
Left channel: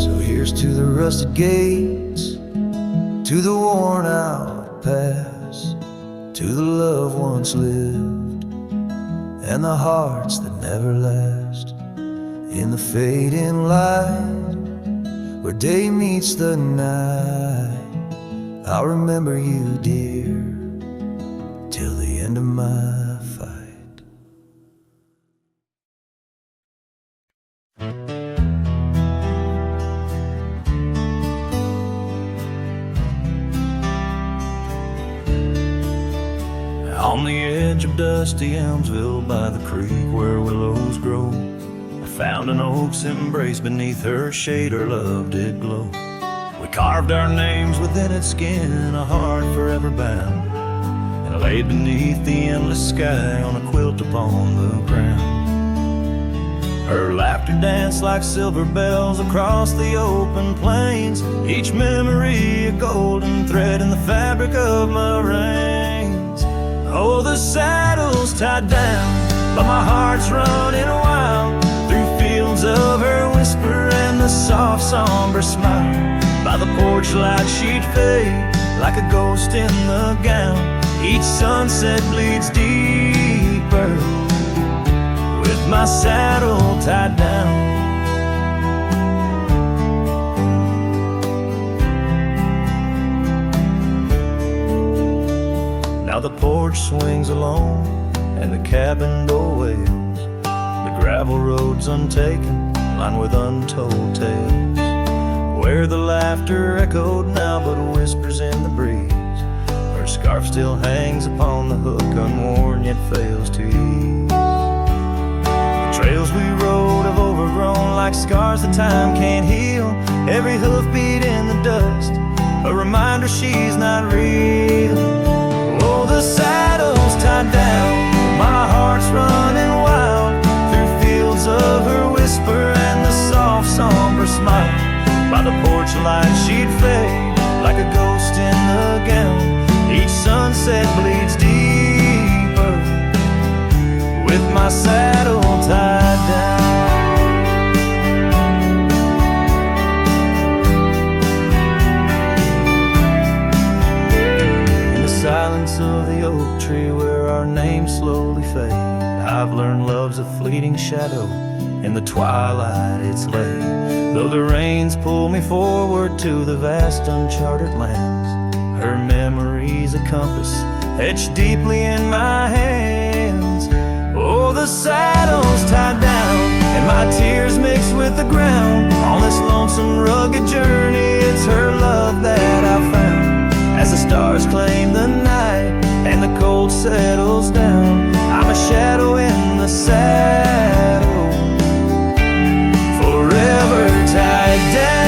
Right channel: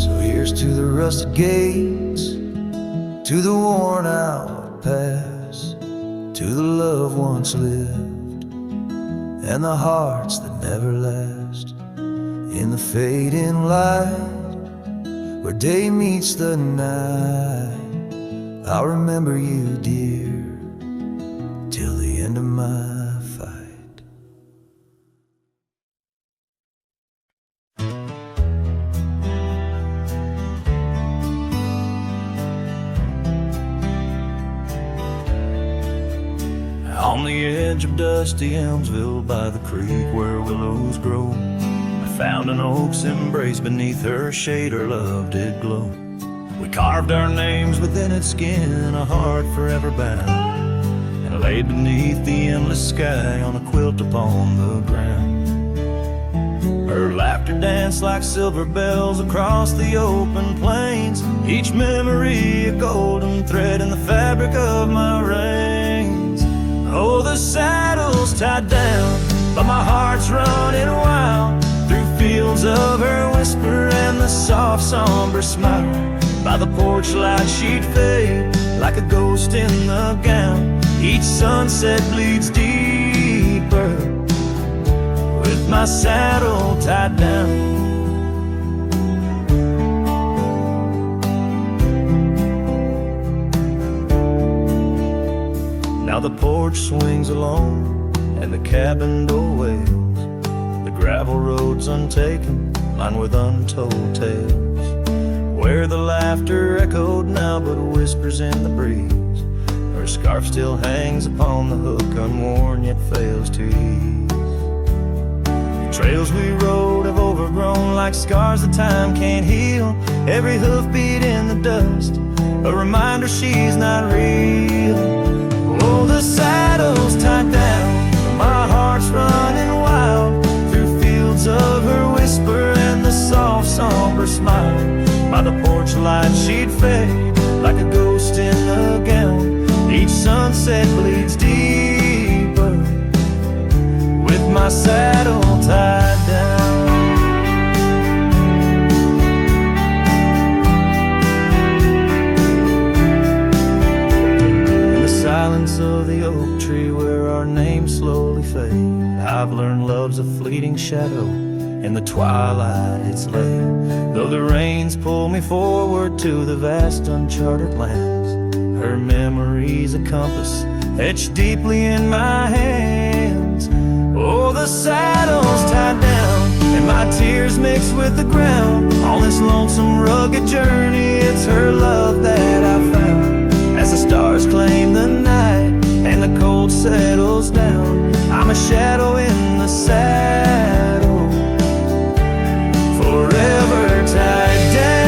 So here's to the rusted gates, to the worn out past, to the love once lived, and the hearts that never last. In the fading light, where day meets the night, I'll remember you, dear, till the end of my fight. On the edge of dusty Elmsville, by the creek where willows grow, I found an oak's embrace. Beneath her shade her love did glow. We carved our names within its skin, a heart forever bound, and laid beneath the endless sky on a quilt upon the ground. Her laughter danced like silver bells across the open plains, each memory a golden thread in the fabric of my reins. Oh, the saddle's tied down, but my heart's running wild, through fields of her whisper and the soft somber smile. By the porch light she'd fade like a ghost in the gown. Each sunset bleeds deeper with my saddle tied down. Now the porch swings alone and the cabin door wails. The gravel road's untaken, lined with untold tales, where the laughter echoed now but whispers in the breeze. Her scarf still hangs upon the hook, unworn yet fails to ease. The trails we rode have overgrown like scars that time can't heal. Every hoofbeat in the dust, a reminder she's not real. Oh, the saddle's tied down, my heart's running wild through fields of her whisper and the soft somber smile. By the porch light she'd fade like a ghost in the gown. Each sunset bleeds deeper with my saddle tied down. In the silence of the oak tree where our names slowly fade, I've learned love's a fleeting shadow. In the twilight it's late, though the rains pull me forward to the vast uncharted lands. Her memory's a compass etched deeply in my hands. Oh, the saddle's tied down and my tears mix with the ground. On this lonesome rugged journey, it's her love that I found. As the stars claim the night and the cold settles down, I'm a shadow in the saddle, forever tied down.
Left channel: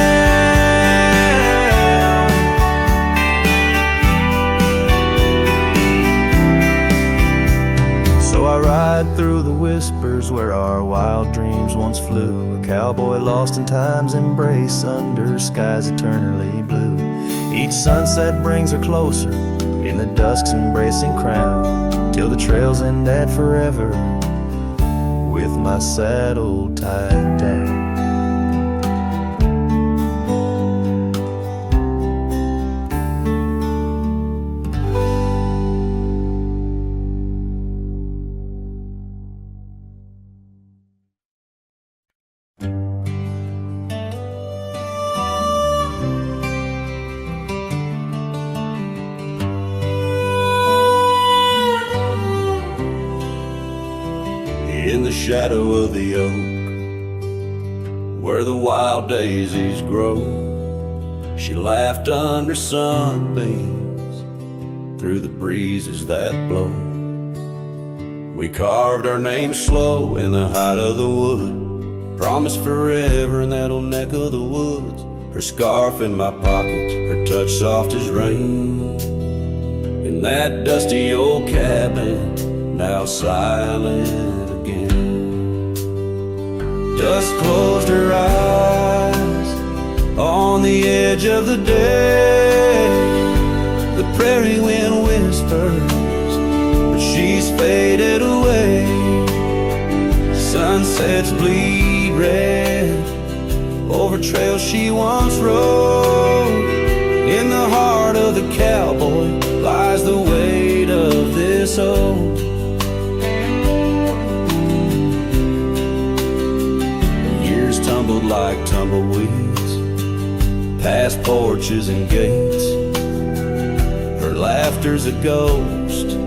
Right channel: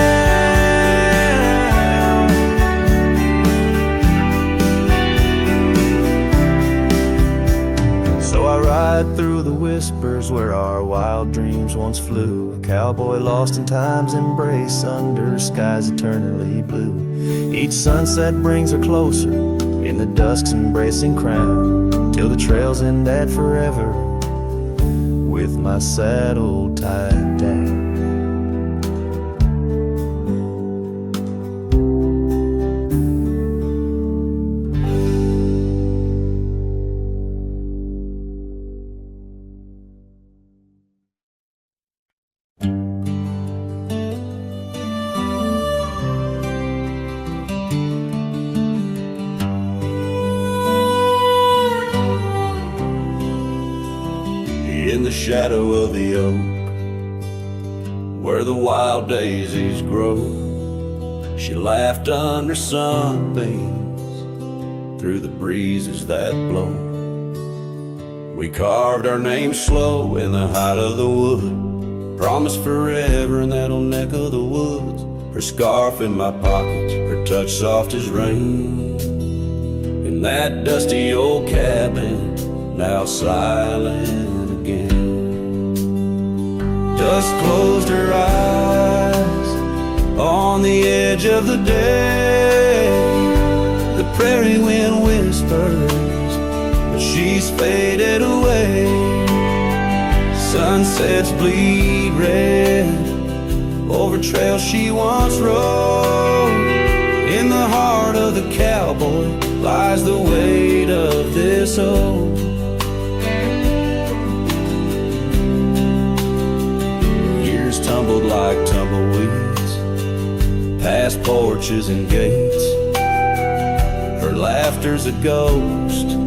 So I ride through the whispers where our wild dreams once flew, a cowboy lost in time's embrace under skies eternally blue. Each sunset brings her closer in the dusk's embracing crown, till the trails end at forever with my saddle tied down. In the shadow of the oak, where the wild daisies grow, she laughed under sunbeams through the breezes that blow. We carved our names slow in the height of the wood, promised forever in that old neck of the woods. Her scarf in my pocket, her touch soft as rain, in that dusty old cabin, now silent again. Dusk closed her eyes on the edge of the day. The prairie wind whispers, but she's faded away. Sunsets bleed red over trails she once rode. In the heart of the cowboy lies the weight of this oak. Years tumbled like tumbleweeds past porches and gates. Her laughter's a ghost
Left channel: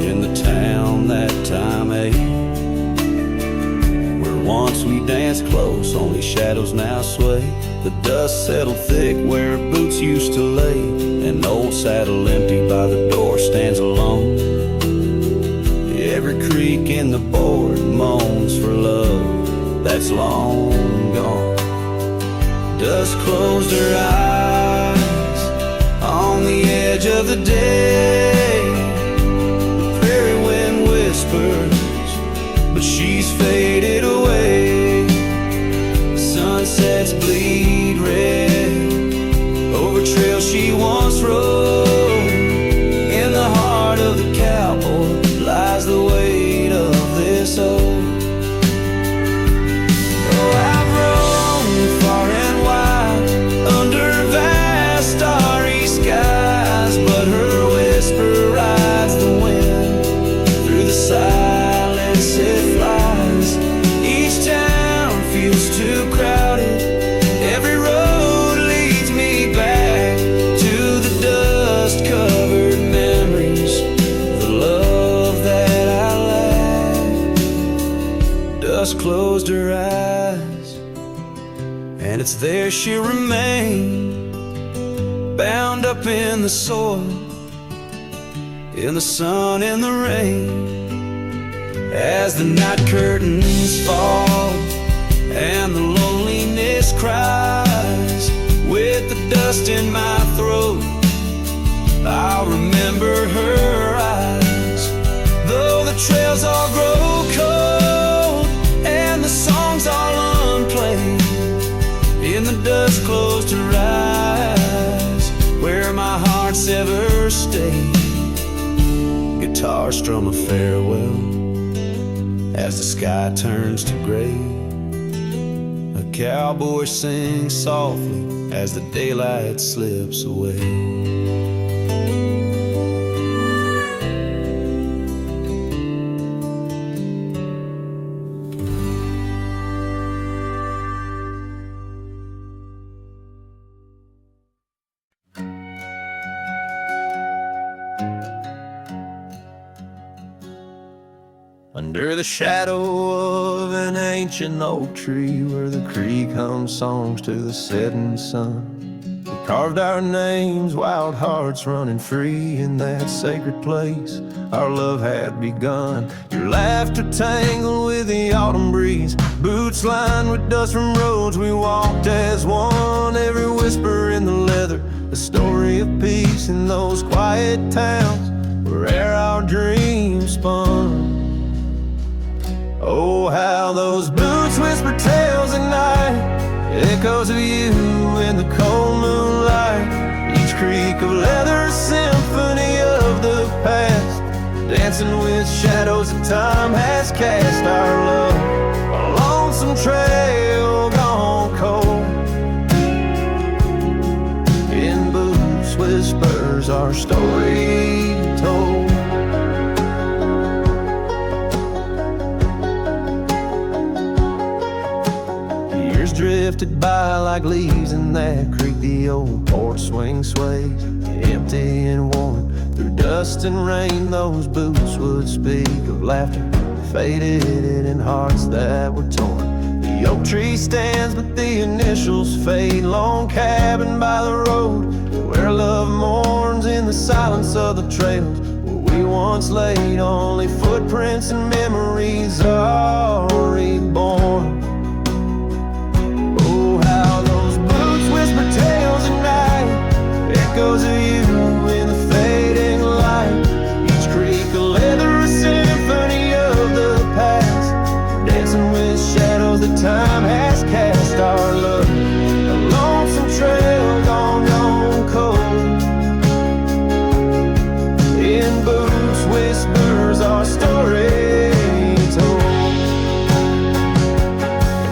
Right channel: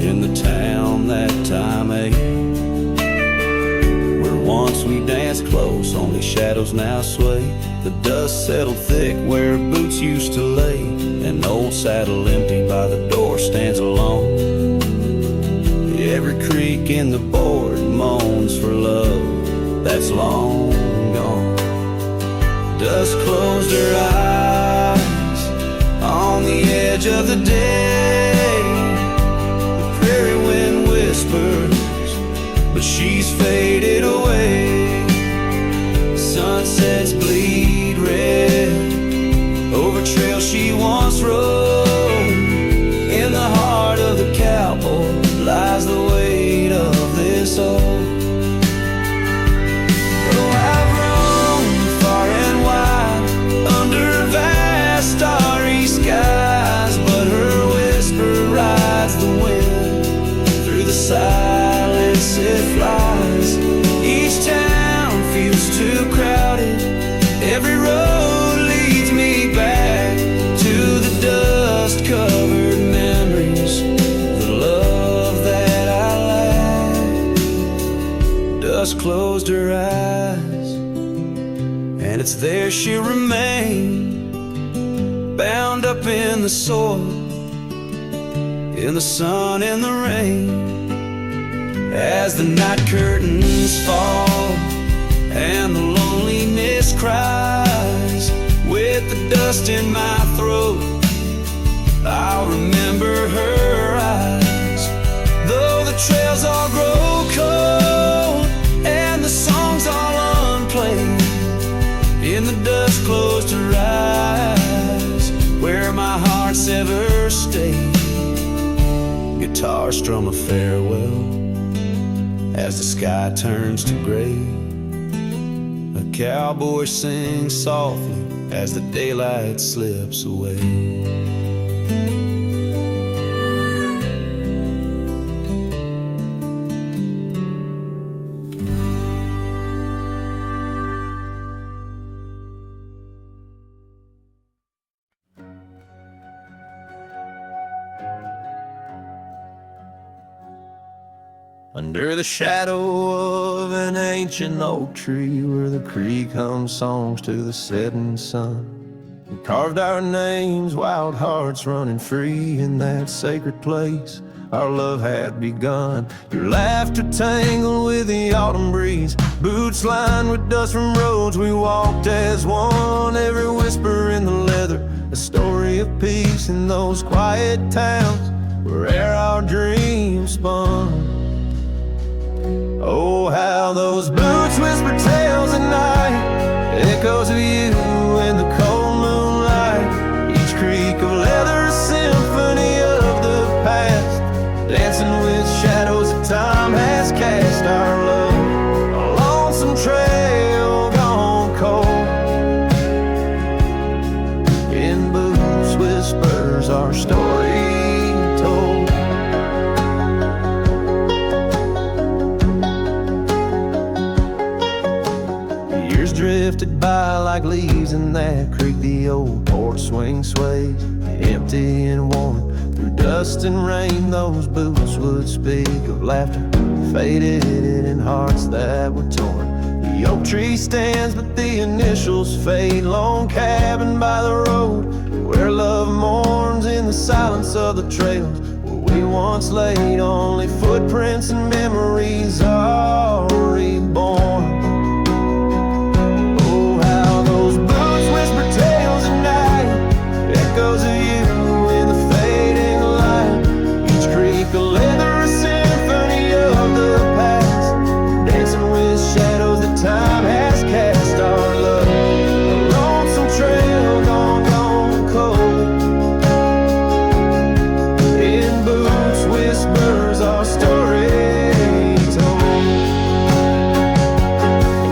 in the town that time ate, where once we danced close, only shadows now sway. The dust settled thick where boots used to lay. An old saddle empty by the door stands alone. Every creak in the board moans for love that's long gone. Dust closed her eyes on the edge of the day. The prairie wind whispers, but she's faded away. Sunsets bleed red over trails she once rode. In the heart of the cowboy lies the weight of this oak. Oh, I've roamed far and wide under vast starry skies, but her whisper rides the wind through the silence it flies. Each town feels too crowded, every road leads me back to the dust-covered memories dusk closed her eyes, and it's there she'll remain, bound up in the soil, in the sun and the rain. As the night curtains fall and the loneliness cries, with the dust in my throat, I'll remember her eyes. Though the trails all grow cold and the songs all unplayed, in the dust closed her eyes, where my heart's ever stayed. Guitar strum a farewell as the sky turns to gray. A cowboy sings softly as the daylight slips away. Under the shadow of an ancient oak tree, where the creek hums songs to the setting sun, we carved our names, wild hearts running free. In that sacred place our love had begun. Your laughter tangled with the autumn breeze, boots lined with dust from roads we walked as one. Every whisper in the leather, a story of peace in those quiet towns where our dreams spun. Oh, how those boots whisper tales at night, echoes of you in the cold moonlight. Each creak of leather, a symphony of the past, dancing with shadows that time has cast. Our love, a lonesome trail gone cold. In boots whispers our story told. Years drifted by like leaves in that creek. The old porch swing sways, empty and worn. Through dust and rain, those boots would speak of laughter faded in hearts that were torn. The oak tree stands, but the initials fade. Lone cabin by the road, where love mourns in the silence of the trails where we once laid. Only footprints and memories are reborn. Those boots whisper tales at night, echoes of you in the fading light. Each creak a leather, a symphony of the past, dancing with shadows that time has cast. Our love, a lonesome trail gone cold. In boots whispers our story told.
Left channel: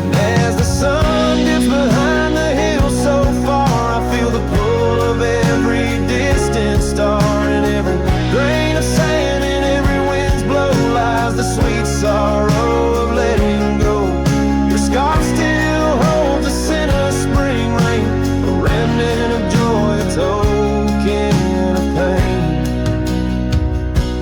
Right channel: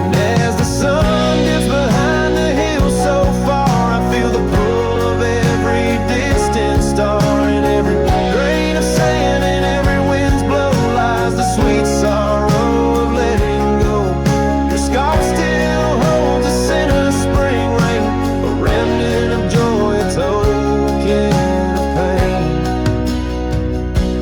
And as the sun dips behind the hill so far, I feel the pull of every distant star. In every grain of sand, in every wind's blow, lies the sweet sorrow of letting go. Your scarf still holds a scent of spring rain, a remnant of joy, a token of pain.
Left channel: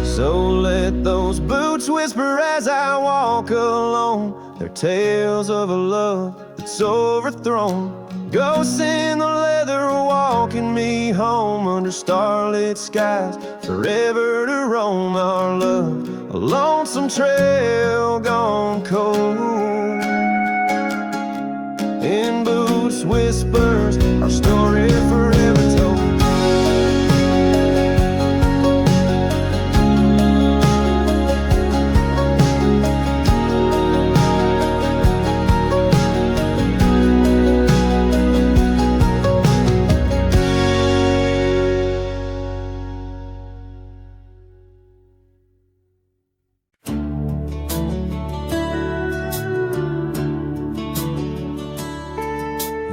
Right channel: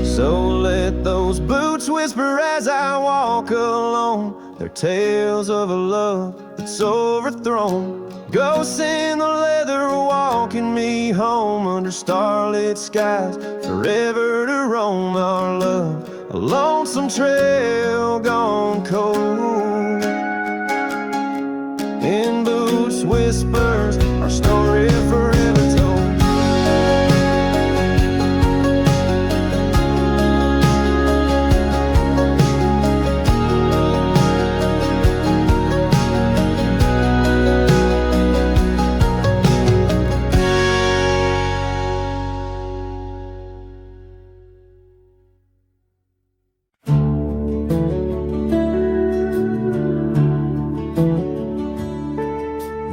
So let those boots whisper as I walk alone, their tales of a love that's overthrown. Ghosts in the leather walking me home, under starlit skies forever to roam. Our love, a lonesome trail gone cold. In boots whispers our story forever told.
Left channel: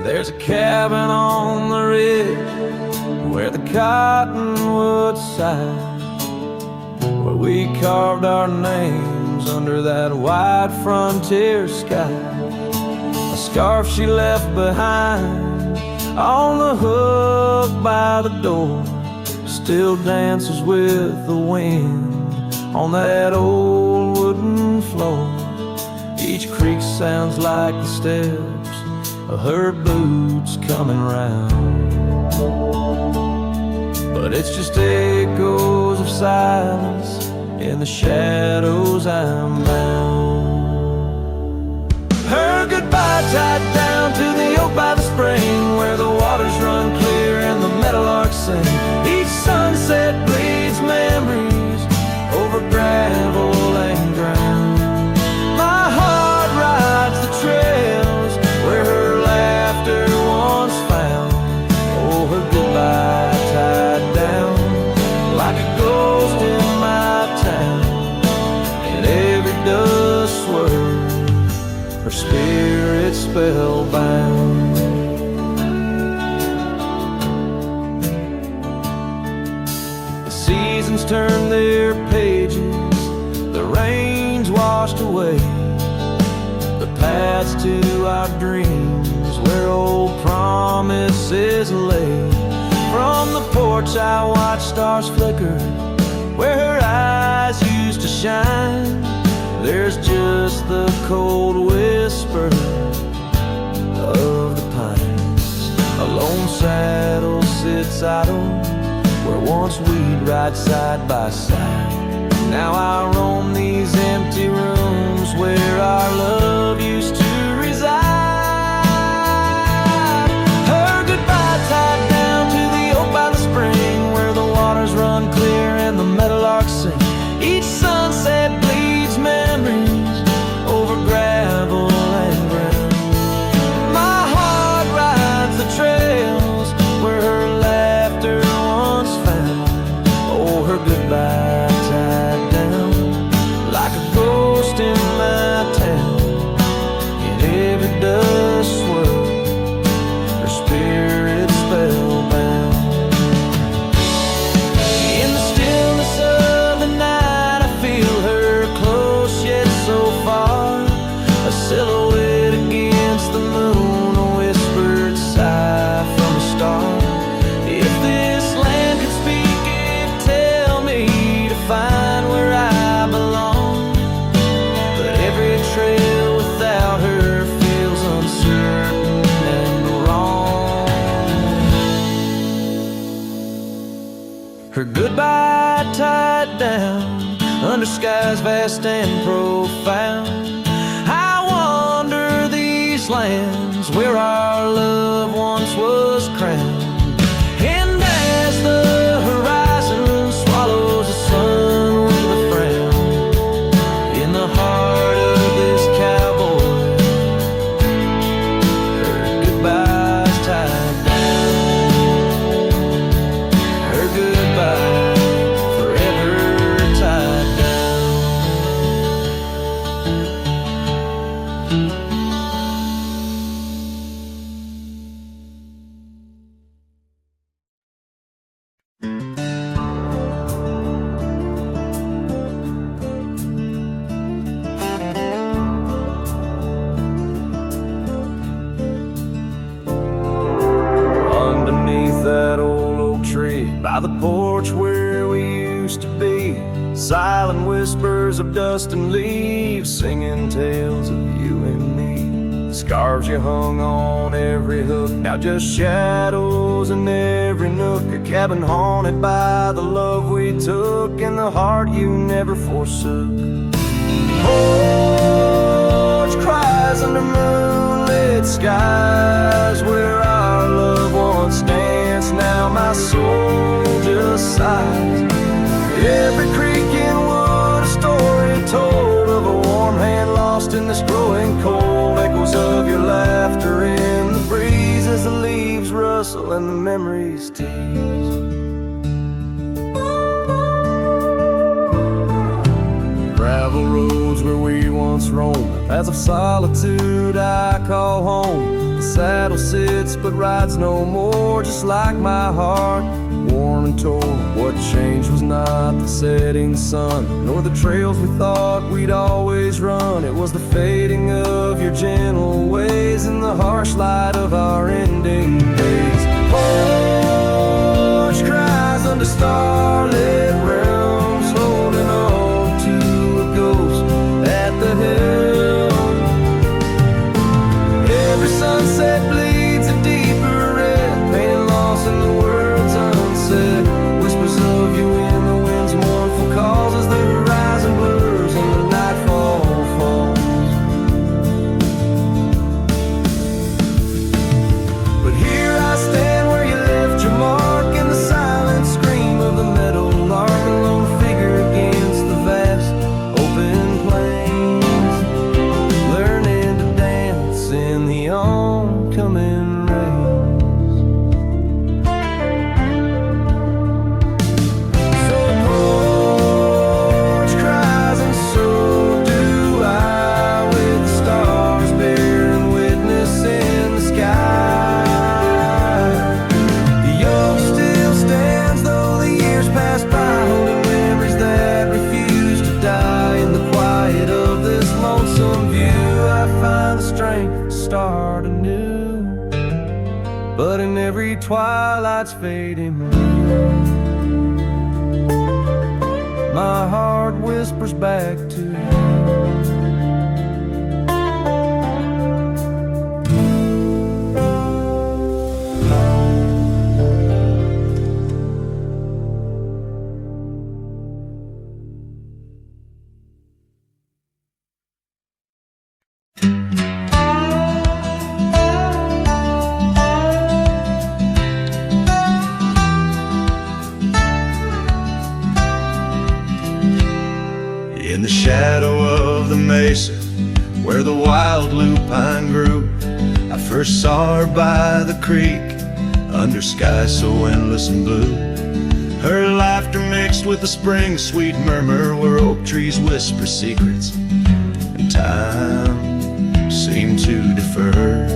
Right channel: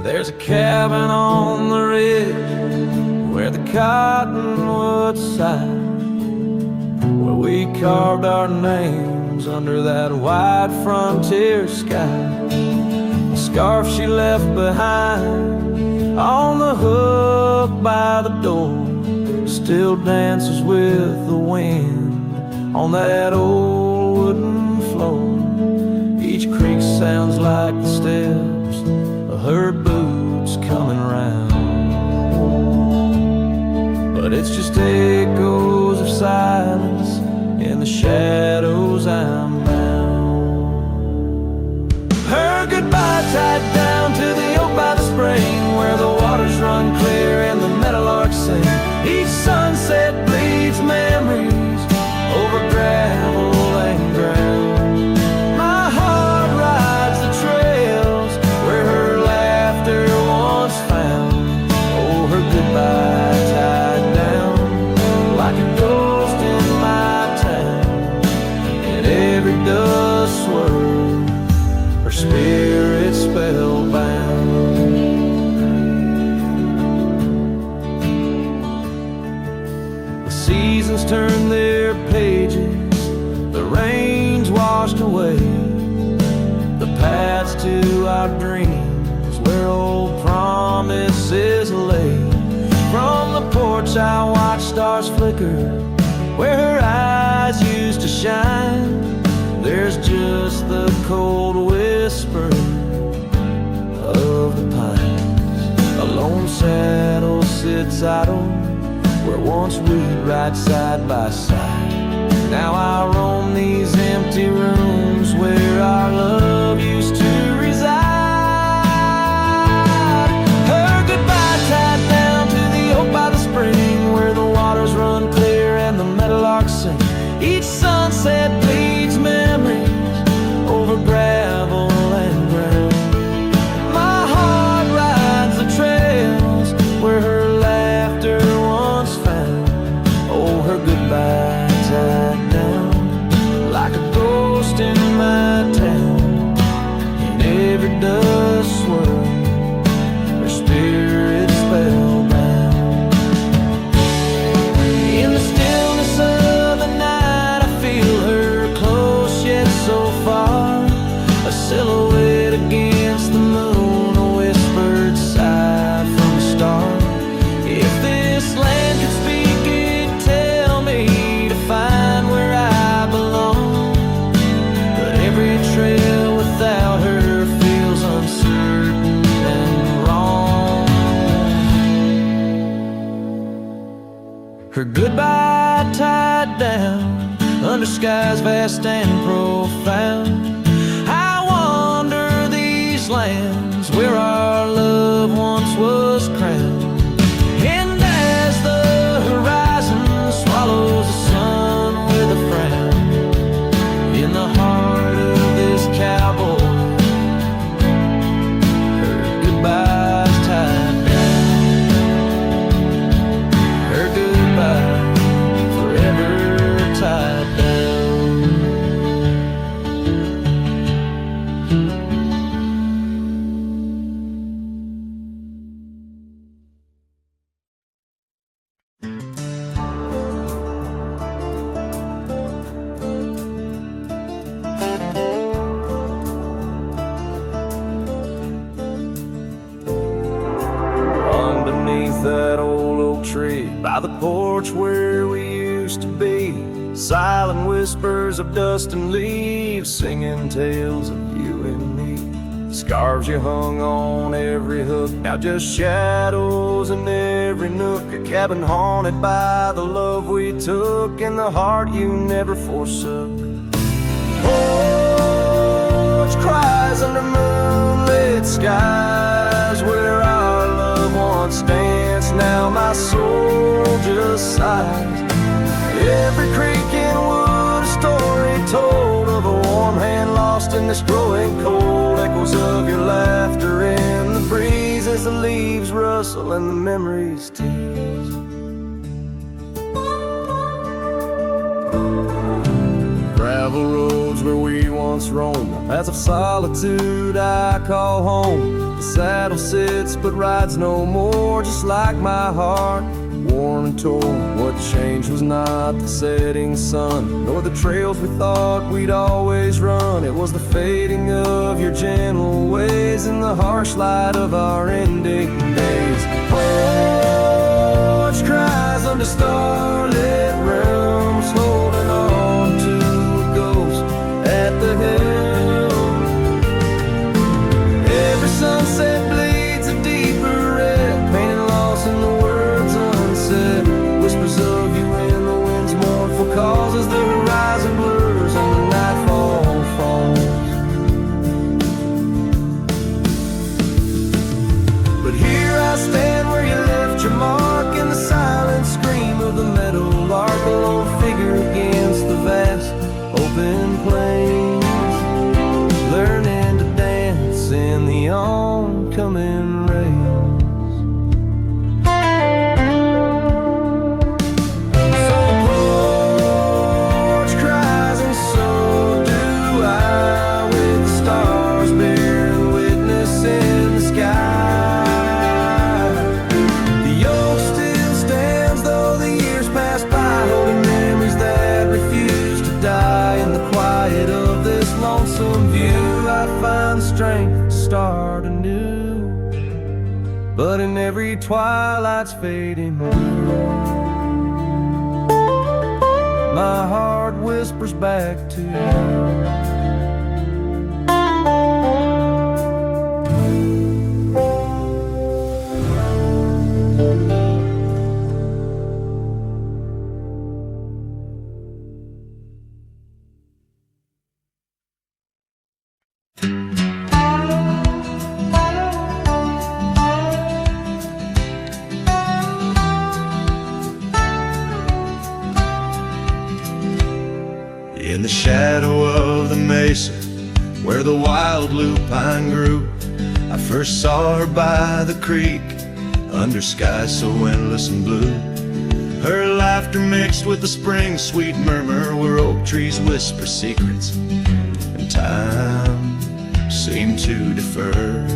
There's a cabin on the ridge where the cottonwoods sigh, where we carved our names under that wide frontier sky. A scarf she left behind on the hook by the door still dances with the wind on that old wooden floor. Each creak sounds like the steps of her boots coming round, but it's just echoes of silence. In the shadows I'm bound. Her goodbye tied down to the oak by the spring, where the waters run clear and the meadowlarks sing. Each sunset bleeds memories over gravel and ground. My heart rides the trails where her laughter once found. Oh, her goodbye tied down like a ghost in my town. In every dust swirl, her spirit spellbound. The seasons turn their pages, the rains washed away the paths to our dreams, where old promises lay. From the porch I watch stars flicker, where her eyes used to shine. There's just the cold whisper of the pines. A lone saddle sits idle where once we'd ride side by side. Now I roam these empty rooms where our love used to reside. Her goodbye tied down to the oak by the spring, where the waters run clear and the meadowlarks sing. Each sunset bleeds memories over gravel and ground. My heart rides the trails where her laughter once found. Oh, her goodbye tied down like a ghost in my town. In every dust swirl, her spirit spellbound. In the stillness of the night, I feel her close yet so far. A silhouette against the moon, a whispered sigh from a star. If this land could speak, it'd tell me to find where I belong. But every trail without her feels uncertain and wrong. Her goodbye tied down under skies vast and profound. I wander these lands where our love once was crowned. And as the horizon swallows the sun with a frown, in the heart of this cowboy, her goodbye's tied down. Her goodbye forever tied down. Underneath that old oak tree, by the porch where we used to be, silent whispers of dust and leaves, singing tales of you and me. Scarves you hung on every hook, now just shadows in every nook. A cabin haunted by the love we took, and the heart you never forsook. Porch cries under moonlit skies, where our love once danced. Now my soul just sighs. Every creek and wood a story told of a warm hand lost in this growing cold. Echoes of your laughter in the breeze as the leaves rustle and the memories tease. Gravel roads where we once roamed, paths of solitude I call home. The saddle sits but rides no more, just like my heart, worn and torn. What changed was not the setting sun, nor the trails we thought we'd always run. It was the fading of your gentle ways and the harsh light of our ending days. Porch cries under starlit realms, holding on to a ghost at the helm. sunset bleeds a deeper red, painting loss in the words unsaid. Whispers of you in the wind's mournful calls as the horizon blurs and the nightfall falls. But here I stand where you left your mark, in the silent scream of the meadow lark, a lone figure against the vast open plains, learning to dance in the oncoming rains. So porch cries and so do I, with the stars bearing witness in the sky. The oak still stands though the years pass by, holding memories that refuse to die. In the quiet of this lonesome view, I find the strength to start anew. But in every twilight's fading blue, my heart whispers back to you. In the shadow of the mesa, where the wild lupine grew, I first saw her by the creek, under skies so endless and blue. Her laughter mixed with the spring's sweet murmur, where oak trees whisper secrets, and time seemed to defer.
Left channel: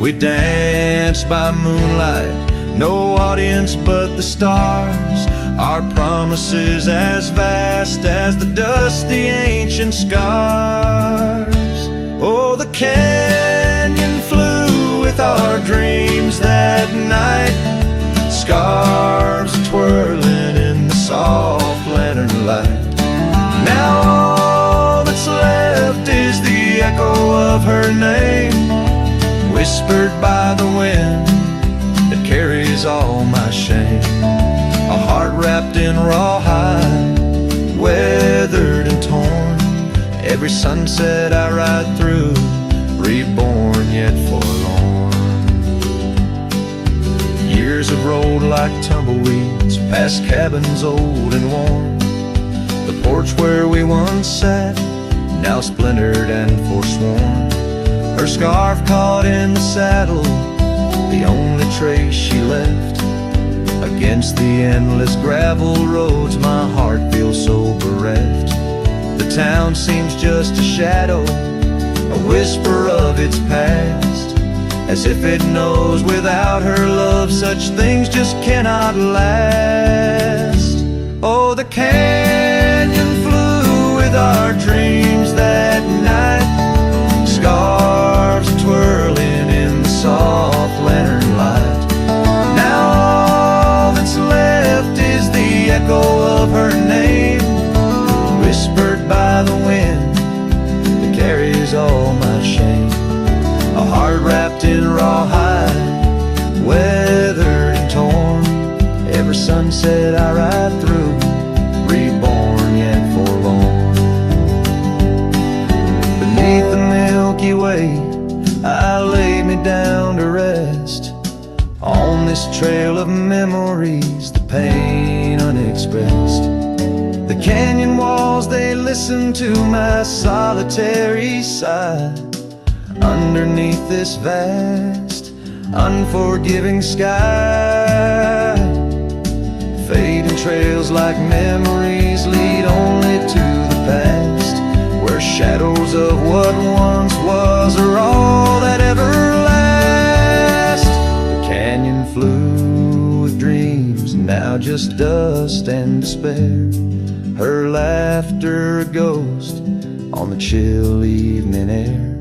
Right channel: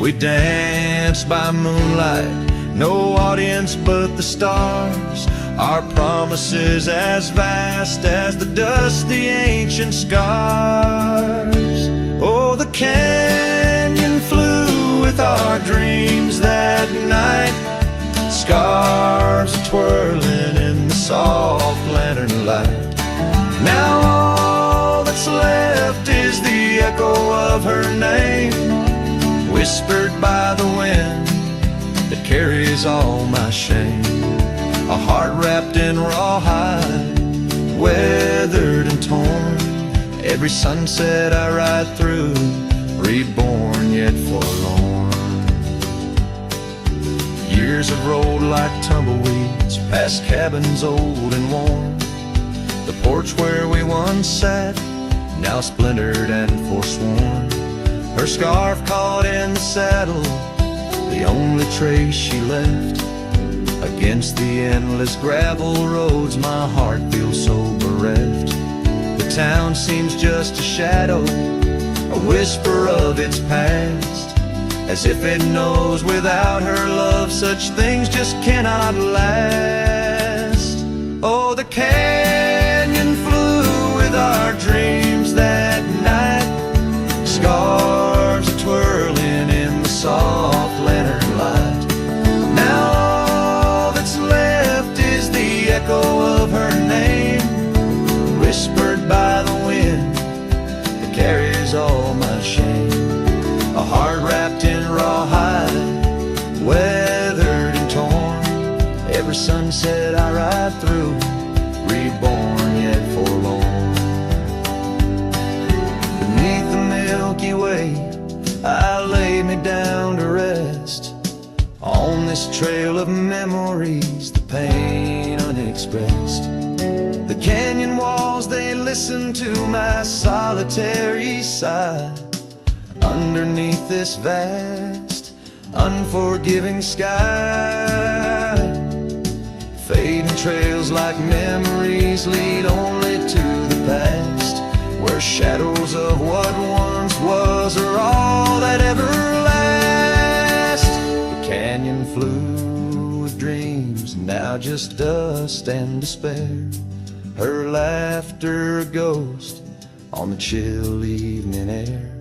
We danced by moonlight, no audience but the stars, our promises as vast as the dusty ancient scars. Oh, the canyon flew with our dreams that night, scarves twirling in the soft lantern light. Now all that's left is the echo of her name, whispered by the wind that carries all my shame. A heart wrapped in rawhide, weathered and torn. Every sunset I ride through, reborn yet forlorn. Years have rolled like tumbleweeds past cabins old and worn. The porch where we once sat, now splintered and forsworn. Her scarf caught in the saddle, the only trace she left. Against the endless gravel roads, my heart feels so bereft. The town seems just a shadow, a whisper of its past, as if it knows without her love such things just cannot last. Oh, the canyon flew with our dreams that night, scarves twirling in the soft lantern light. Now left is the echo of her name, whispered by the wind that carries all my shame. A heart wrapped in rawhide, weathered and torn. Every sunset I ride through, reborn yet forlorn. Beneath the Milky Way, I lay me down to rest. On this trail of memories, the pain unexpressed. The canyon walls, they listen to my solitary sigh. Underneath this vast, unforgiving sky, fading trails like memories lead only to the past, where shadows of what once was are all that ever lasts. Canyon flew with dreams, now just dust and despair. Her laughter a ghost on the chill evening air.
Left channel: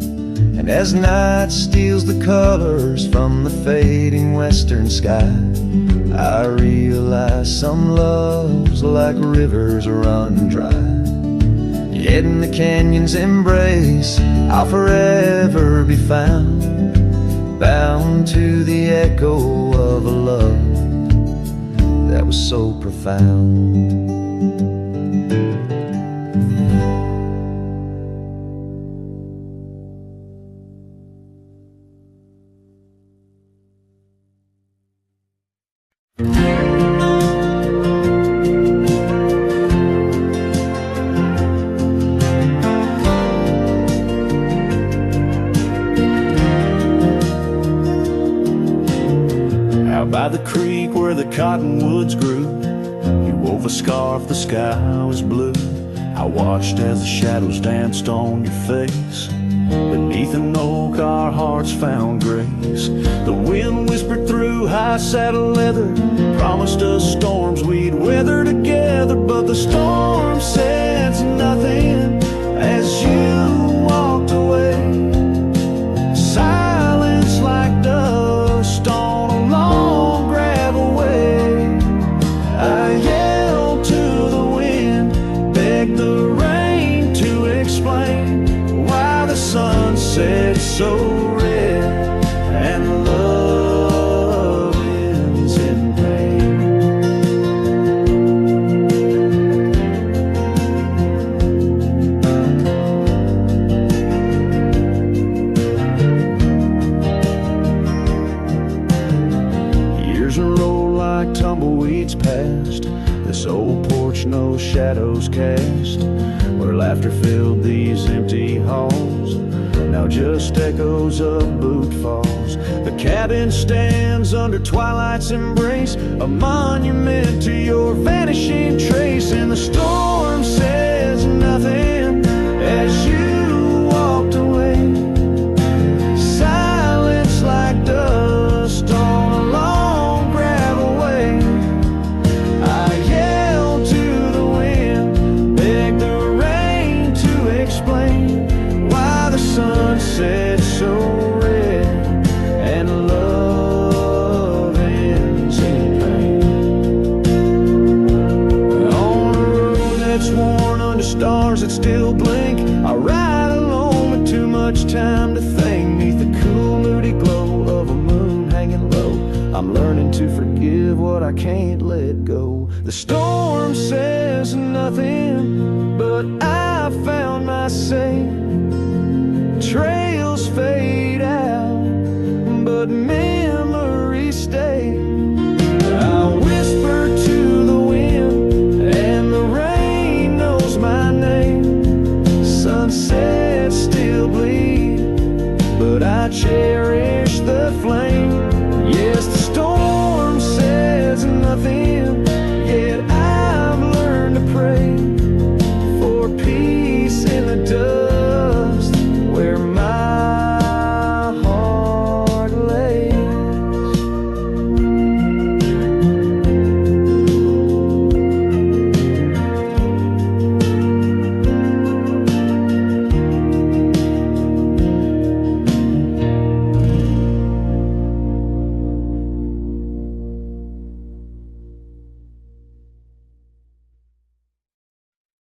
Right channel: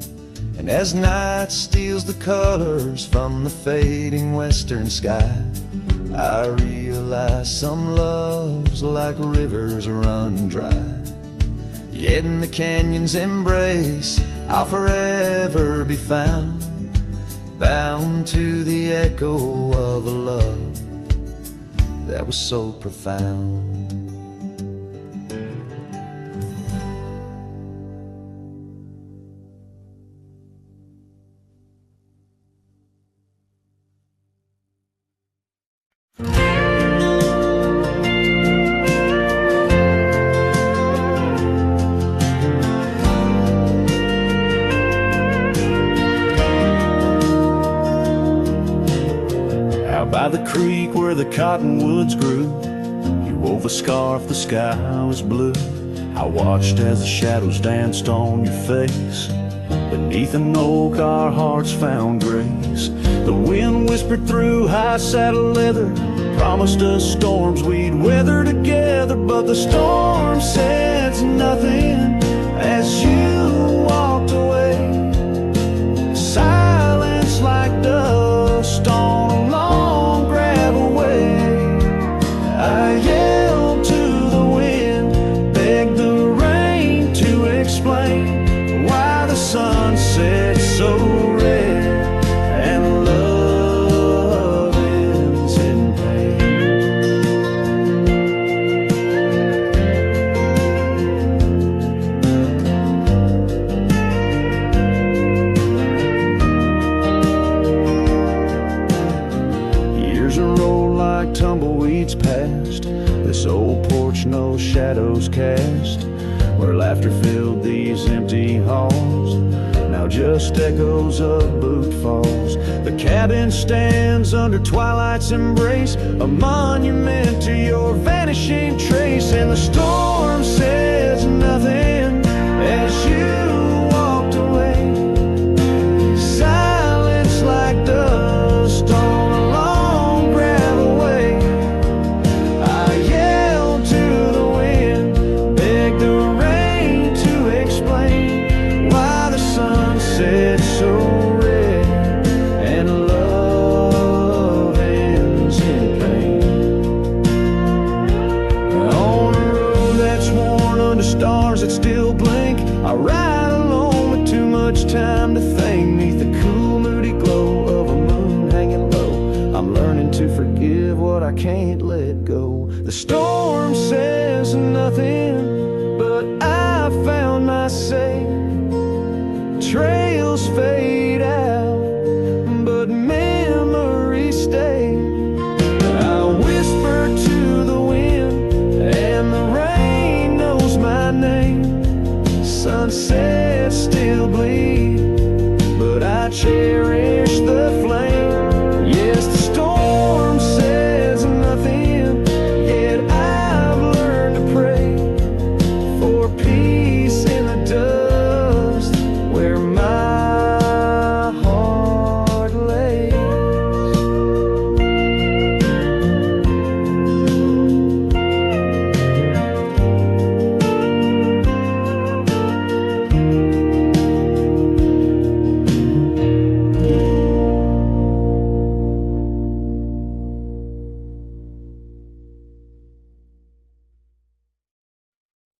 And as night steals the colors from the fading western sky, I realize some loves like rivers run dry. Yet in the canyon's embrace I'll forever be found, bound to the echo of a love that was so profound. Out by the creek where the cottonwoods grew, you wove a scarf, the sky was blue. I watched as the shadows danced on your face. Beneath an oak our hearts found grace. The wind whispered through high saddle leather, promised us storms we'd weather together. But the storm said nothing as you walked away. Silence like dust on a long gravel way. I yelled to the wind, begged the rain to explain why the sun set so red and love ends in pain. Years roll like tumbleweeds past this old porch, no shadows cast, where laughter filled these empty halls, now just echoes of boot falls. The cabin stands under twilight's embrace, a monument to your vanishing trace. And the storm says nothing as you walked away. Silence like dust on a long gravel way. I yelled to the wind, begged the rain to explain why the sun set so red and love ends in pain. On a road that's worn under stars that still blink, I ride alone with too much time to think. Neath the cool moody glow of a moon hanging low, I'm learning to forgive what I can't let go. The storm says nothing, but I found my say. Trails fade out, but memories stay. I whisper to the wind, and the rain knows my name. Sunsets still bleed, but I cherish the flame. Yes, the storm says nothing, yet I've learned to pray for peace in the dust.